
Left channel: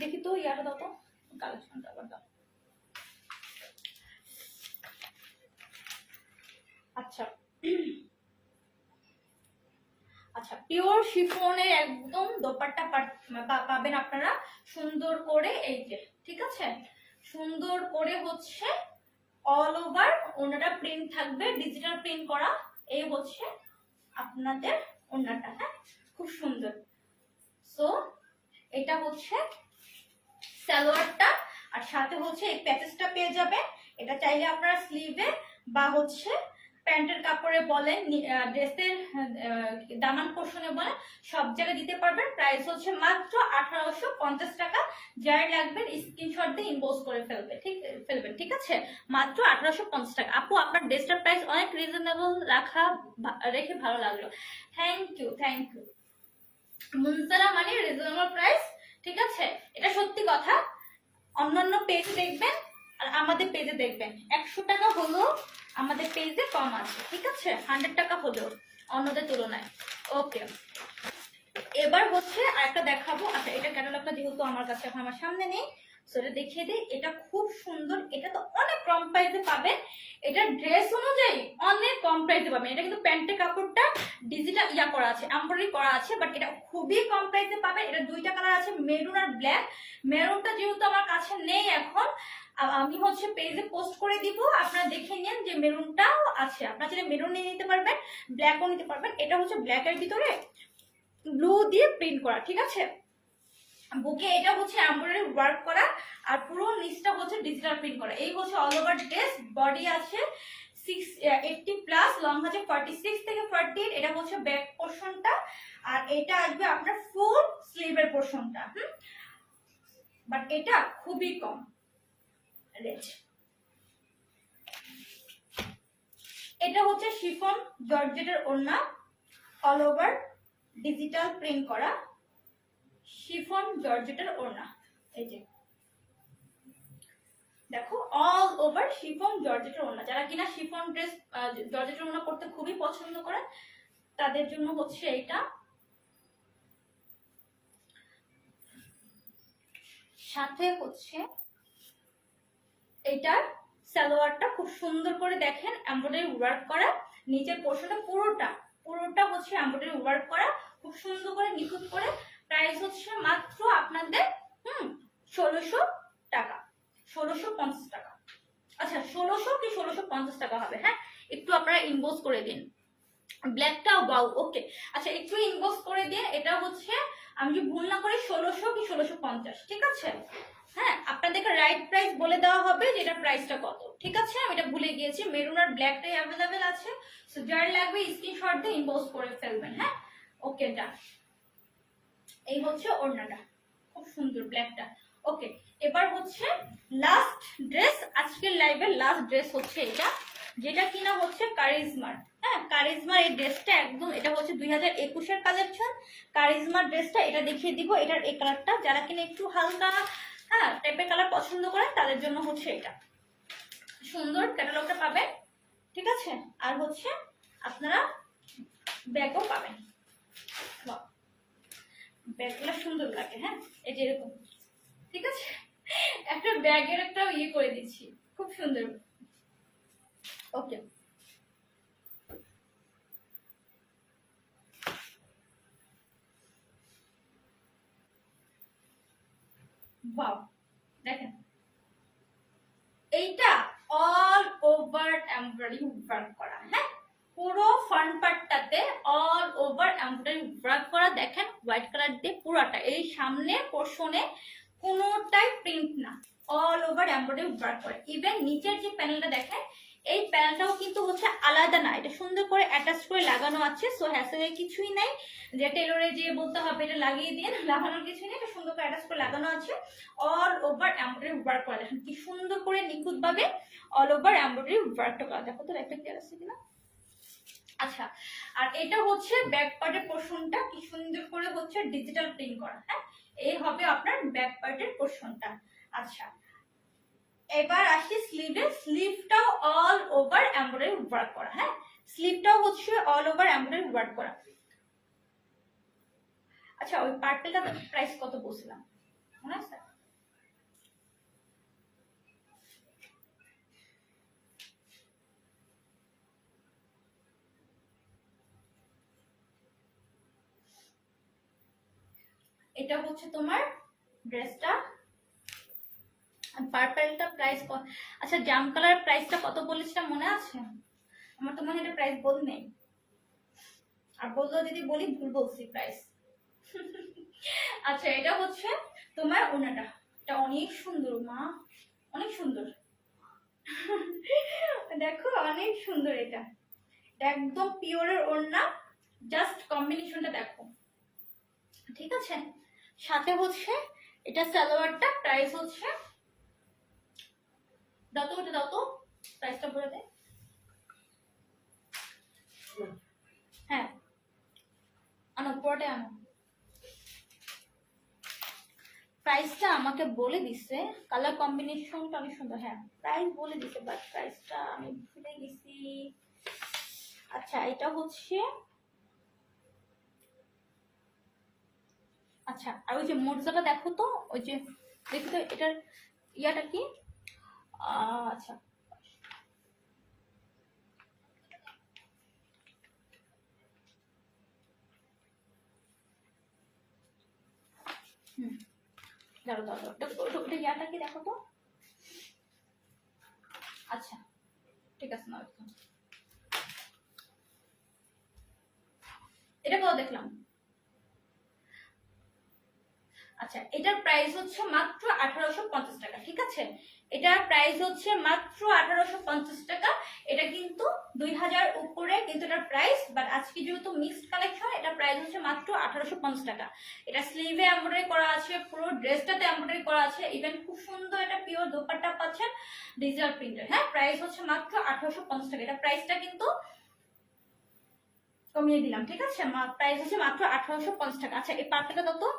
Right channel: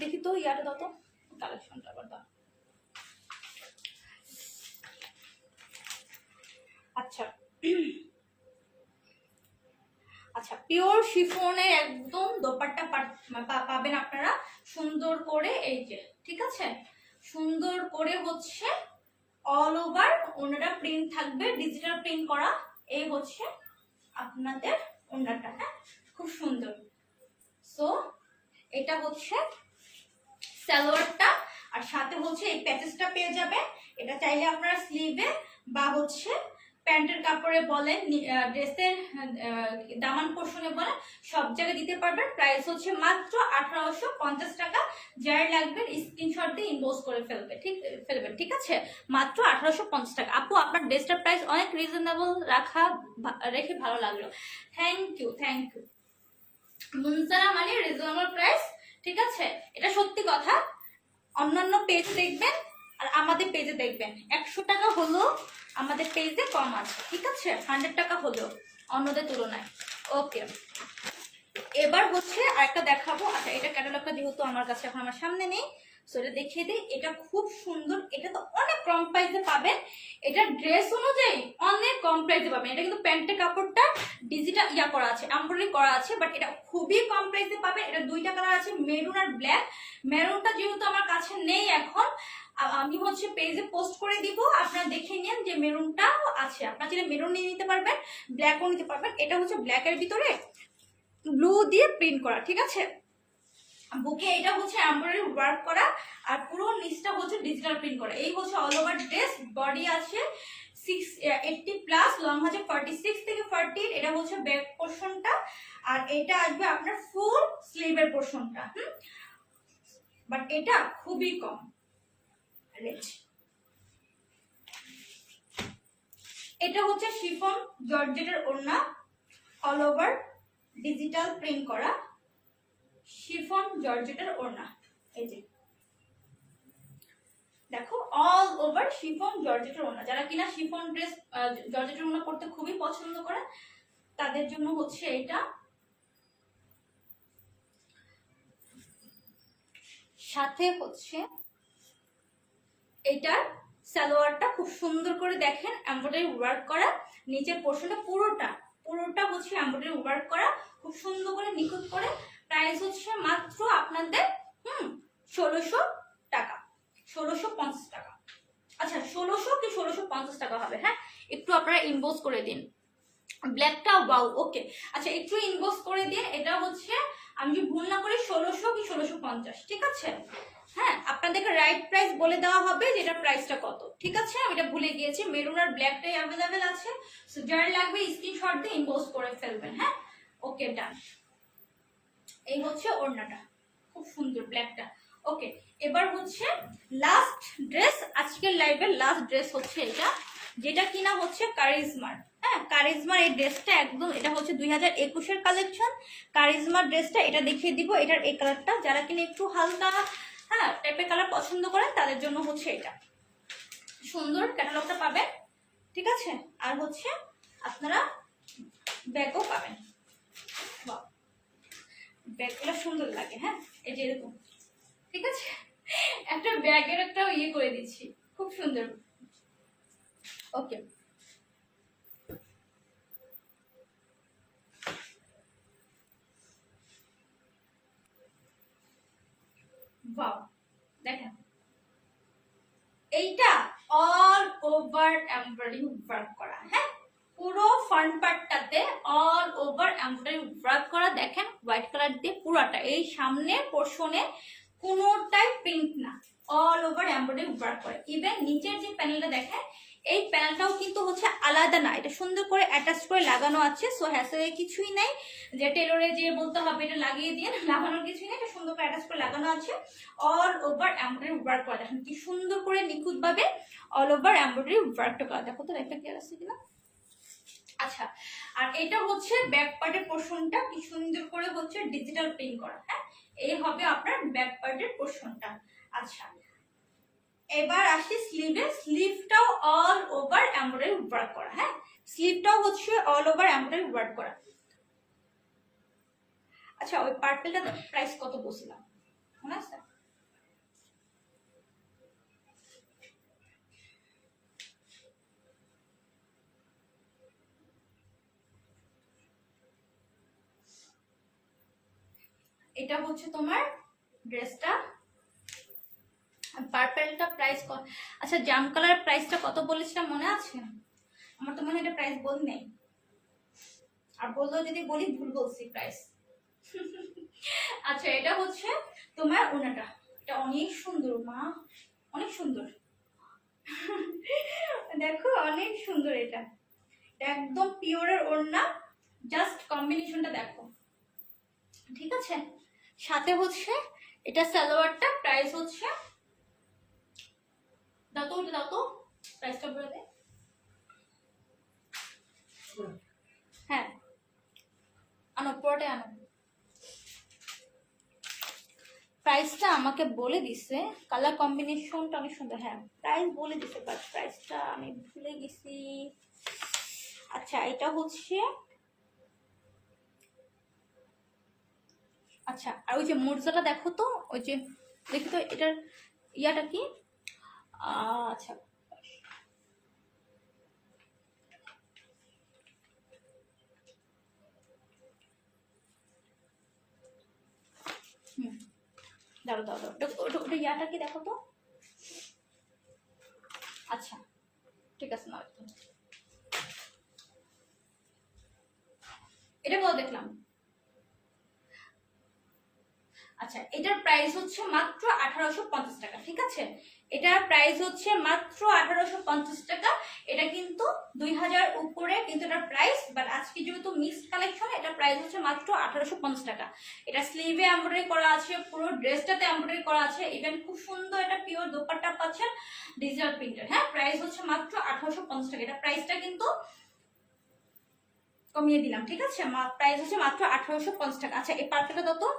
দেখি তো ইয়াটা দাও তো, কালেকশনটা আবার দাও। আচ্ছা আচ্ছা, পিওর শিফনের একদম দোপাট্টা পাবেন আপনারা সুন্দর করে, এই যে। ঠিক আছে, সুন্দর করে হচ্ছে অল ওভার ওনাটা প্রিন্ট থাকবে, ডিজিটাল প্রিন্ট করা। এই হচ্ছে আপনাদের ওনাটা। হ্যাঁ, খুব সুন্দর। সো এটা হচ্ছে সালোয়ারটা, আর সাথে হচ্ছে এই প্যাচেসটা পেয়ে যাবে। এটা চাইলে আপনারা স্লিভে বা হচ্ছে প্যান্টের কাপড়ে বলেন, ড্রেসের দামান পোর্শনে বলেন, সব জায়গায় দিতে পারবেন। প্রাইস হচ্ছে মাত্র 1850 টাকা। যার লাগবে স্ক্রিনশট দিয়ে ইনবক্স করে ফেলবেন। ঠিক আছে, মাত্র 1850 টাকা। আপু আপনার ড্রেসটার প্রাইস অনেক রিজনেবল রেখে ভালো লাগলো। Thank you. মুনতারা মানে রিজনেবল প্রাইস। ঠিক আছে, এটা সত্যি কথা। অন্যান্য পেজ দেখবেন আর আমাদের পেজে দেখবেন 100 টাকা হলেও আমাদের পেজে কম আছে। ঠিক আছে, 100 টাকা হলেও অন্যদের তুলনায়। ওকে, এবার হচ্ছে আরেকটা দেখাবো। আচ্ছা, এটা ক্যাটালগটা যেহেতু আমার কাছে এখন আমার সামনে নেই, সেটা দেখিয়ে দিই। এটা খুব সুন্দর, এটা তো অনেক কম প্রাইসে পাবেন। এটা ড্রেস অনুযায়ী অনেক কম প্রাইসে পাবেন। এটা কিন্তু প্যান্টের কাপড়টা ডিজিটাল করা আছে, এমব্রয়ডারি করা আছে, বাট এটা খুবই কম প্রাইসে পাবেন। এটা দুইটা কালার আছে, মেরুন আর ব্ল্যাক। মেরুনটা যেহেতু আমার কাছে নেই এখন, আমি হচ্ছে পেজে পোস্ট করে দিব, আপনারা দেখে নিন যে মেরুনটাও আছে। আপনারা চাইলে মেরুন নিয়ে নিতে পারবেন, ব্ল্যাকও নিতে পারবেন। এটা হচ্ছে ব্ল্যাকের ভিতরে ব্লু দিয়ে প্রিন্ট করা। ঠিক আছে, বুকে এটা হচ্ছে এমব্রয়ডারি ওয়ার্ক করা, আর পুরো নিচটা হচ্ছে ডিজিটাল প্রিন্ট করা। এই হচ্ছে অল ওভার ড্রেস। বডি আছে 680+, লং আছে 46 থেকে 48। এটা হচ্ছে ব্যাক পোর্শনটা, আর এটা আসবে আপনার ফুল স্লিভের পোর্শনটা। বাট এটা খুবই কম রেট। এটা হচ্ছে শিফন জর্জেটের ওড়না, অল ওভার ডিজিটাল প্রিন্ট করা শিফন জর্জেটের ওড়না। এই যে দেখো, অল ওভার শিফন জর্জেটের ওড়না। যারা কিনা শিফন ড্রেস জর্জেটের ওড়না পরতে খুবই পছন্দ করে, তাদের জন্য হচ্ছে এটা। সাথে হচ্ছে এটার সালোয়ারটা খুব সুন্দর করে দেখেন এমব্রয়ডারি ওয়ার্ক করা, নিচের পোর্শনটা পুরোটা হচ্ছে এমব্রয়ডারি ওয়ার্ক করা, খুব সুন্দর করে নিখুঁত করে। প্রাইস হচ্ছে মাত্র আপনাদের 1600 টাকা, 1650 টাকা। আচ্ছা, 1600 কি 1650 টাকা হবে। হ্যাঁ, একটু আপনারা ইনবক্স করে দিন। ব্ল্যাকটা ওয়াও, ওকে। আচ্ছা, একটু ইনবক্স করে দিন। এটা হচ্ছে, আমি যদি ভুল না করি, 1600 কি 1650। ঠিক আছে, হ্যাঁ, আপনাদেরকে রাইট প্রাইস বলে দেওয়া হবে যে এটার প্রাইসটা কত। ঠিক আছে, আমি এটা ভুলে গিয়েছি। মেরুন আর ব্ল্যাকটাই অ্যাভেলেবেল আছে। সো যার লাগবে স্ক্রিনশট দিয়ে ইনবক্স করে ফেলবেন। হ্যাঁ, ওকে, ডান। এই হচ্ছে ওড়নাটা, খুব সুন্দর ব্ল্যাকটা। ওকে, এবার হচ্ছে লাস্ট ড্রেস, আজকের লাইভের লাস্ট ড্রেস হচ্ছে এটা, যেটা কিনা হচ্ছে কারিজমার। হ্যাঁ, কারিজমার এই ড্রেসটা একদম, এটা হচ্ছে 2021-এর কালেকশন। কারিজমার ড্রেসটা এটা দেখিয়ে দিব। এটার এই কালারটা যারা কিনা একটু হালকা টাইপের কালার পছন্দ করেন তাদের জন্য হচ্ছে এটা। সুন্দর ক্যাটালগটা পাবেন। ঠিক আছে, আর হচ্ছে আপনারা ব্যাগও পাবেন। ব্যাগগুলো সুন্দর লাগে। হ্যাঁ, এই যে এরকম। ঠিক আছে, একটা ব্যাগের একটা করে দিচ্ছি, খুব সুন্দর। ওকে, ওয়াও, দেখেন এইটা অল ওভার এমব্রয়ডারি ওয়ার্ক করা। হ্যাঁ, পুরো ফ্রন্ট পার্টটাতে অল ওভার এমব্রয়ডারি ওয়ার্ক করা। দেখেন হোয়াইট কালার দিয়ে পুরোটা, এই সামনের পোর্শনে কোনোটাই প্রিন্ট না, অল ওভার এমব্রয়ডারি ওয়ার্ক করে। ইভেন নিচের যে প্যানেলটা দেখেন, এই প্যানেলটাও কিন্তু হচ্ছে আলাদা না, এটা সুন্দর করে অ্যাটাচ করে লাগানো আছে। সো হ্যাসেলের কিছুই নাই যে টেলরে যে বলতে হবে এটা লাগিয়ে দিয়ে, লাগানোর কিছুই নেই, এটা সুন্দর করে অ্যাটাচ করে লাগানো আছে। অল ওভার এমব্রয়ডারি ওয়ার্ক করা, দেখেন কি সুন্দর করে নিখুঁত ভাবে অল ওভার এমব্রয়ডারি ওয়ার্কটা করা। দেখো তো একটা ক্লিয়ার আছে কিনা। আচ্ছা, আর এটা হচ্ছে ব্যাক পার্টের পোর্শনটা, কি সুন্দর করে হচ্ছে ডিজিটাল প্রিন্ট করা। হ্যাঁ, এই হবে আপনার ব্যাক পার্টের পোর্শনটা। আচ্ছা, এবার আসি স্লিভে। স্লিভটাও অল ওভার এমব্রয়ডারি ওয়ার্ক করা। হ্যাঁ, স্লিভটাও হচ্ছে অল ওভার এমব্রয়ডারি ওয়ার্ক করা। আচ্ছা, ওই পার্পেলটা প্রাইস কত বলছিলাম মনে আছে? এটা হচ্ছে তোমার ড্রেসটা, পার্পলটা প্রাইস কত? আচ্ছা, জাম কালার প্রাইসটা কত বলেছিলাম মনে আছে? আমার তো মনে হয় এটা প্রাইস বল নেই, আর বললেও যদি বলি ভুল বলছি প্রাইস। আচ্ছা, এটা হচ্ছে তোমার ওড়নাটা, এটা অনেক সুন্দর মা, অনেক সুন্দর। দেখো অনেক সুন্দর, এটা একদম পিওরের ওড়না, জাস্ট কম্বিনেশনটা দেখো, ঠিক আছে। সাথে হচ্ছে এটা সালোয়ারটা প্রাইস হচ্ছে, দাও তো, ওটা দাও তো, প্রাইসটা বলে দে। হ্যাঁ, আনো পুরোটাই আনো। প্রাইসটা আমাকে বলে দিছে, কালার কম্বিনেশনটা অনেক সুন্দর। হ্যাঁ, প্রাইস বলে দিছে, বাট প্রাইসটা আমি ভুলে গেছি। আচ্ছা, এটা হচ্ছে, আচ্ছা, আর ওই যে মোর্জাটা দেখো তো, ওই যে দেখো তো এটার ইয়াটা কি। আচ্ছা, হুম, দাঁড়ো দাঁড়ো দাঁড়ো, ওটা ইয়াটা কি দেখো তো। আচ্ছা, ঠিক আছে, না এটা কত দেখলাম। আচ্ছা, এটার প্রাইস হচ্ছে মাত্র 1850 টাকা, ঠিক আছে। এটার প্রাইস হচ্ছে মাত্র 1850 টাকা। এটা কিন্তু 2000 উপরে কিন্তু এটার প্রাইস, বাট আজকে যেহেতু মিক্সড কালেকশন, এটার প্রাইস হচ্ছে মাত্র 1850 টাকা। এটা স্লিভে এমব্রয়ডারি করা আছে, পুরো ড্রেসটাতে এমব্রয়ডারি করা আছে, ইভেন খুব সুন্দর এটা পিওর দোপাট্টা পাচ্ছেন ডিজিটাল প্রিন্টের। হ্যাঁ, প্রাইস হচ্ছে মাত্র 1850 টাকা। এটা প্রাইসটা কিন্তু কমিয়ে দিলাম, ঠিক আছে। প্রাইস হচ্ছে মাত্র 1850 টাকা। আচ্ছা, এই পার্টটা দাও তো,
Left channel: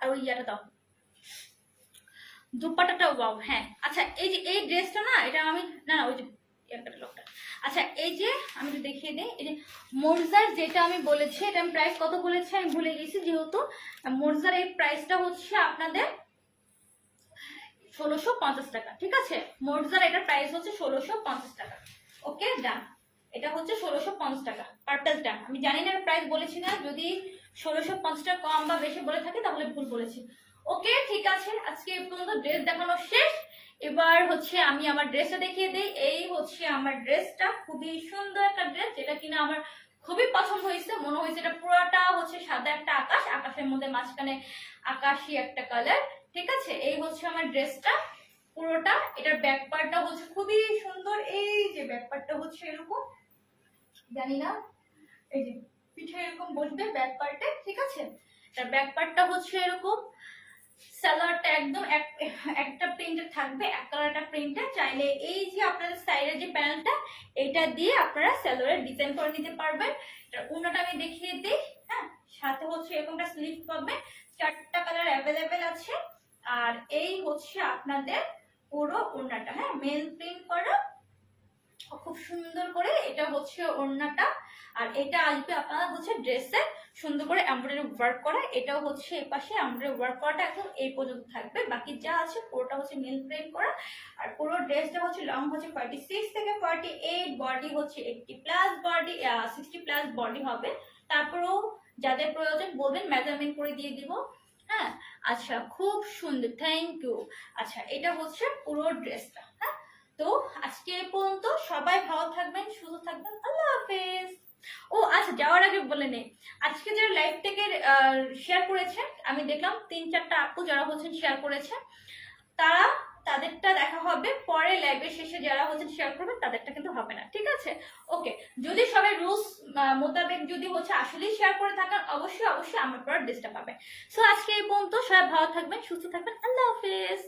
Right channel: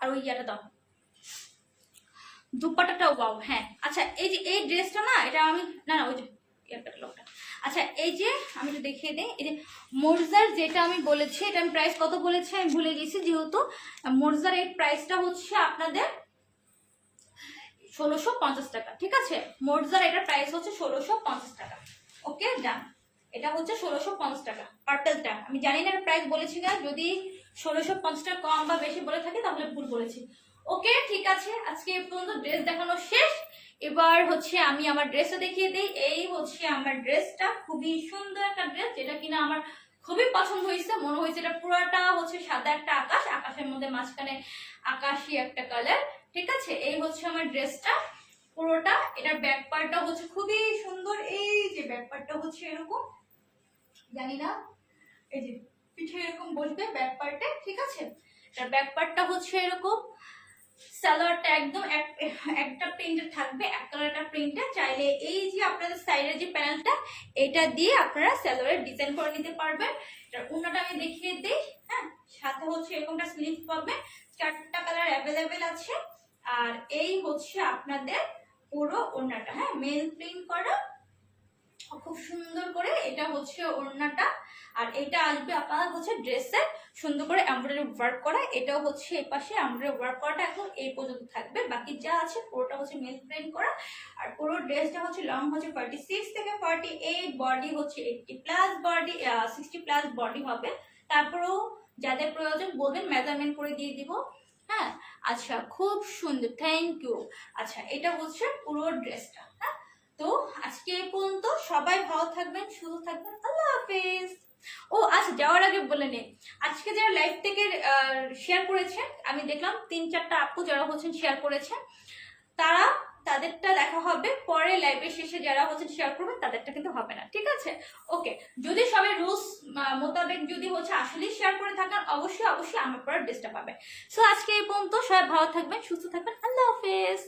আর ওই ইয়াটা দাও, দুপাট্টাটাও ওয়াও। হ্যাঁ, আচ্ছা, এই যে এই ড্রেসটা না, এটা আমি না না ওই যে এয়ার ক্যাটালগটা। আচ্ছা, এই যে আমি একটু দেখিয়ে দিই, এই যে মোরজার যেটা আমি বলেছি, এটা আমি প্রাইস কত বলেছি আমি ভুলে গেছি, যেহেতু মোরজার এই প্রাইসটা হচ্ছে আপনাদের 1650 টাকা, ঠিক আছে। মোরজার এটার প্রাইস হচ্ছে 1650 টাকা। ওকে, ডান। এটা হচ্ছে 1650 টাকা পার্পলটা। আমি জানি না প্রাইস বলেছি না, যদি 1650 টাকা কম বা বেশি বলে থাকি তাহলে ভুল বলেছি। ওকে, ঠিক আছে, আজকে এই পর্যন্ত ড্রেস দেখানো শেষ। এবার হচ্ছে আমি আমার ড্রেসটা দেখিয়ে দিই। এই হচ্ছে আমার ড্রেসটা, খুবই সুন্দর একটা ড্রেস, যেটা কিনা আমার খুবই পছন্দ হয়েছে। মনে হয়েছে এটা পুরোটা হচ্ছে সাদা একটা আকাশ, আকাশের মধ্যে মাঝখানে আকাশি একটা কালার, ঠিক আছে। এই হচ্ছে আমার ড্রেসটা পুরোটা। এটার ব্যাক পার্টটা হচ্ছে খুবই সুন্দর, এই যে ব্যাক পার্টটা হচ্ছে এরকম, জানি না, এই যে পিঠে এরকম বসবে ব্যাক পার্টে, ঠিক আছে। তার ব্যাক পার্টটা হচ্ছে এরকম, সালোয়ারটা একদম একটা প্রিন্টে থাকবে, এক কালারটা প্রিন্টে। চাইলে এই যে আপনাদের সাইডের যে প্যানেলটা, এটা দিয়ে আপনারা সালোয়ারের ডিজাইন করে নিতে পারবেন। এটার ওড়নাটা আমি দেখিয়ে দিই। হ্যাঁ, সাথে হচ্ছে এরকমটা স্লিভ পাবে, 4টা কালার অ্যাভেলেবেল আছে। আর এই হচ্ছে আপনাদের পুরো ওড়নাটা, হ্যাঁ, মেল প্রিন্ট করা, খুব সুন্দর করে। এটা হচ্ছে ওড়নাটা, আর এটা আসবে আপনারা হচ্ছে ড্রেসে সুন্দর করে এমব্রয়ডারি ওয়ার্ক করা। এটাও হচ্ছে এই পাশে এমব্রয়ডারি ওয়ার্ক করাটা একদম এই পর্যন্ত থাকবে, বাকি যা আছে পুরোটা হচ্ছে মেল প্রিন্ট করা। আর পুরো ড্রেসটা হচ্ছে লং হচ্ছে 46 থেকে 48, বডি হচ্ছে 80 প্লাস বডি, 60 প্লাস বডি হবে। তারপরেও যাদের প্রয়োজন বলবেন, মেজারমেন্ট করে দিয়ে দিব। হ্যাঁ, আচ্ছা, খুব সুন্দর, থ্যাংক ইউ। আচ্ছা, এটা হচ্ছে পুরো ড্রেসটা। হ্যাঁ, তো আজকে এই পর্যন্ত। সবাই ভালো থাকবেন, সুস্থ থাকবেন, আল্লাহ হাফেজ। ও আচ্ছা, যাওয়ার আগে বলে নেই, আজকে যারা লাইভ থেকে শেয়ার করেছেন, আমি দেখলাম 3-4টা আপু যারা হচ্ছেন শেয়ার করেছেন, তারা তাদের তাদেরটা দেখা হবে, পরে লাইভের শেষে যারা হচ্ছে শেয়ার করবেন তাদেরটা কিন্তু হবে না, ঠিক আছে? ওকে, যদি সবাই রুলস মোতাবেক যদি হচ্ছে আসলে শেয়ার করে থাকেন, অবশ্যই অবশ্যই আমার পর ডিস্টার্ব পাবে। সো আজকে এই পর্যন্ত, সবাই ভালো থাকবেন, সুস্থ থাকবেন, আল্লাহ হাফেজ।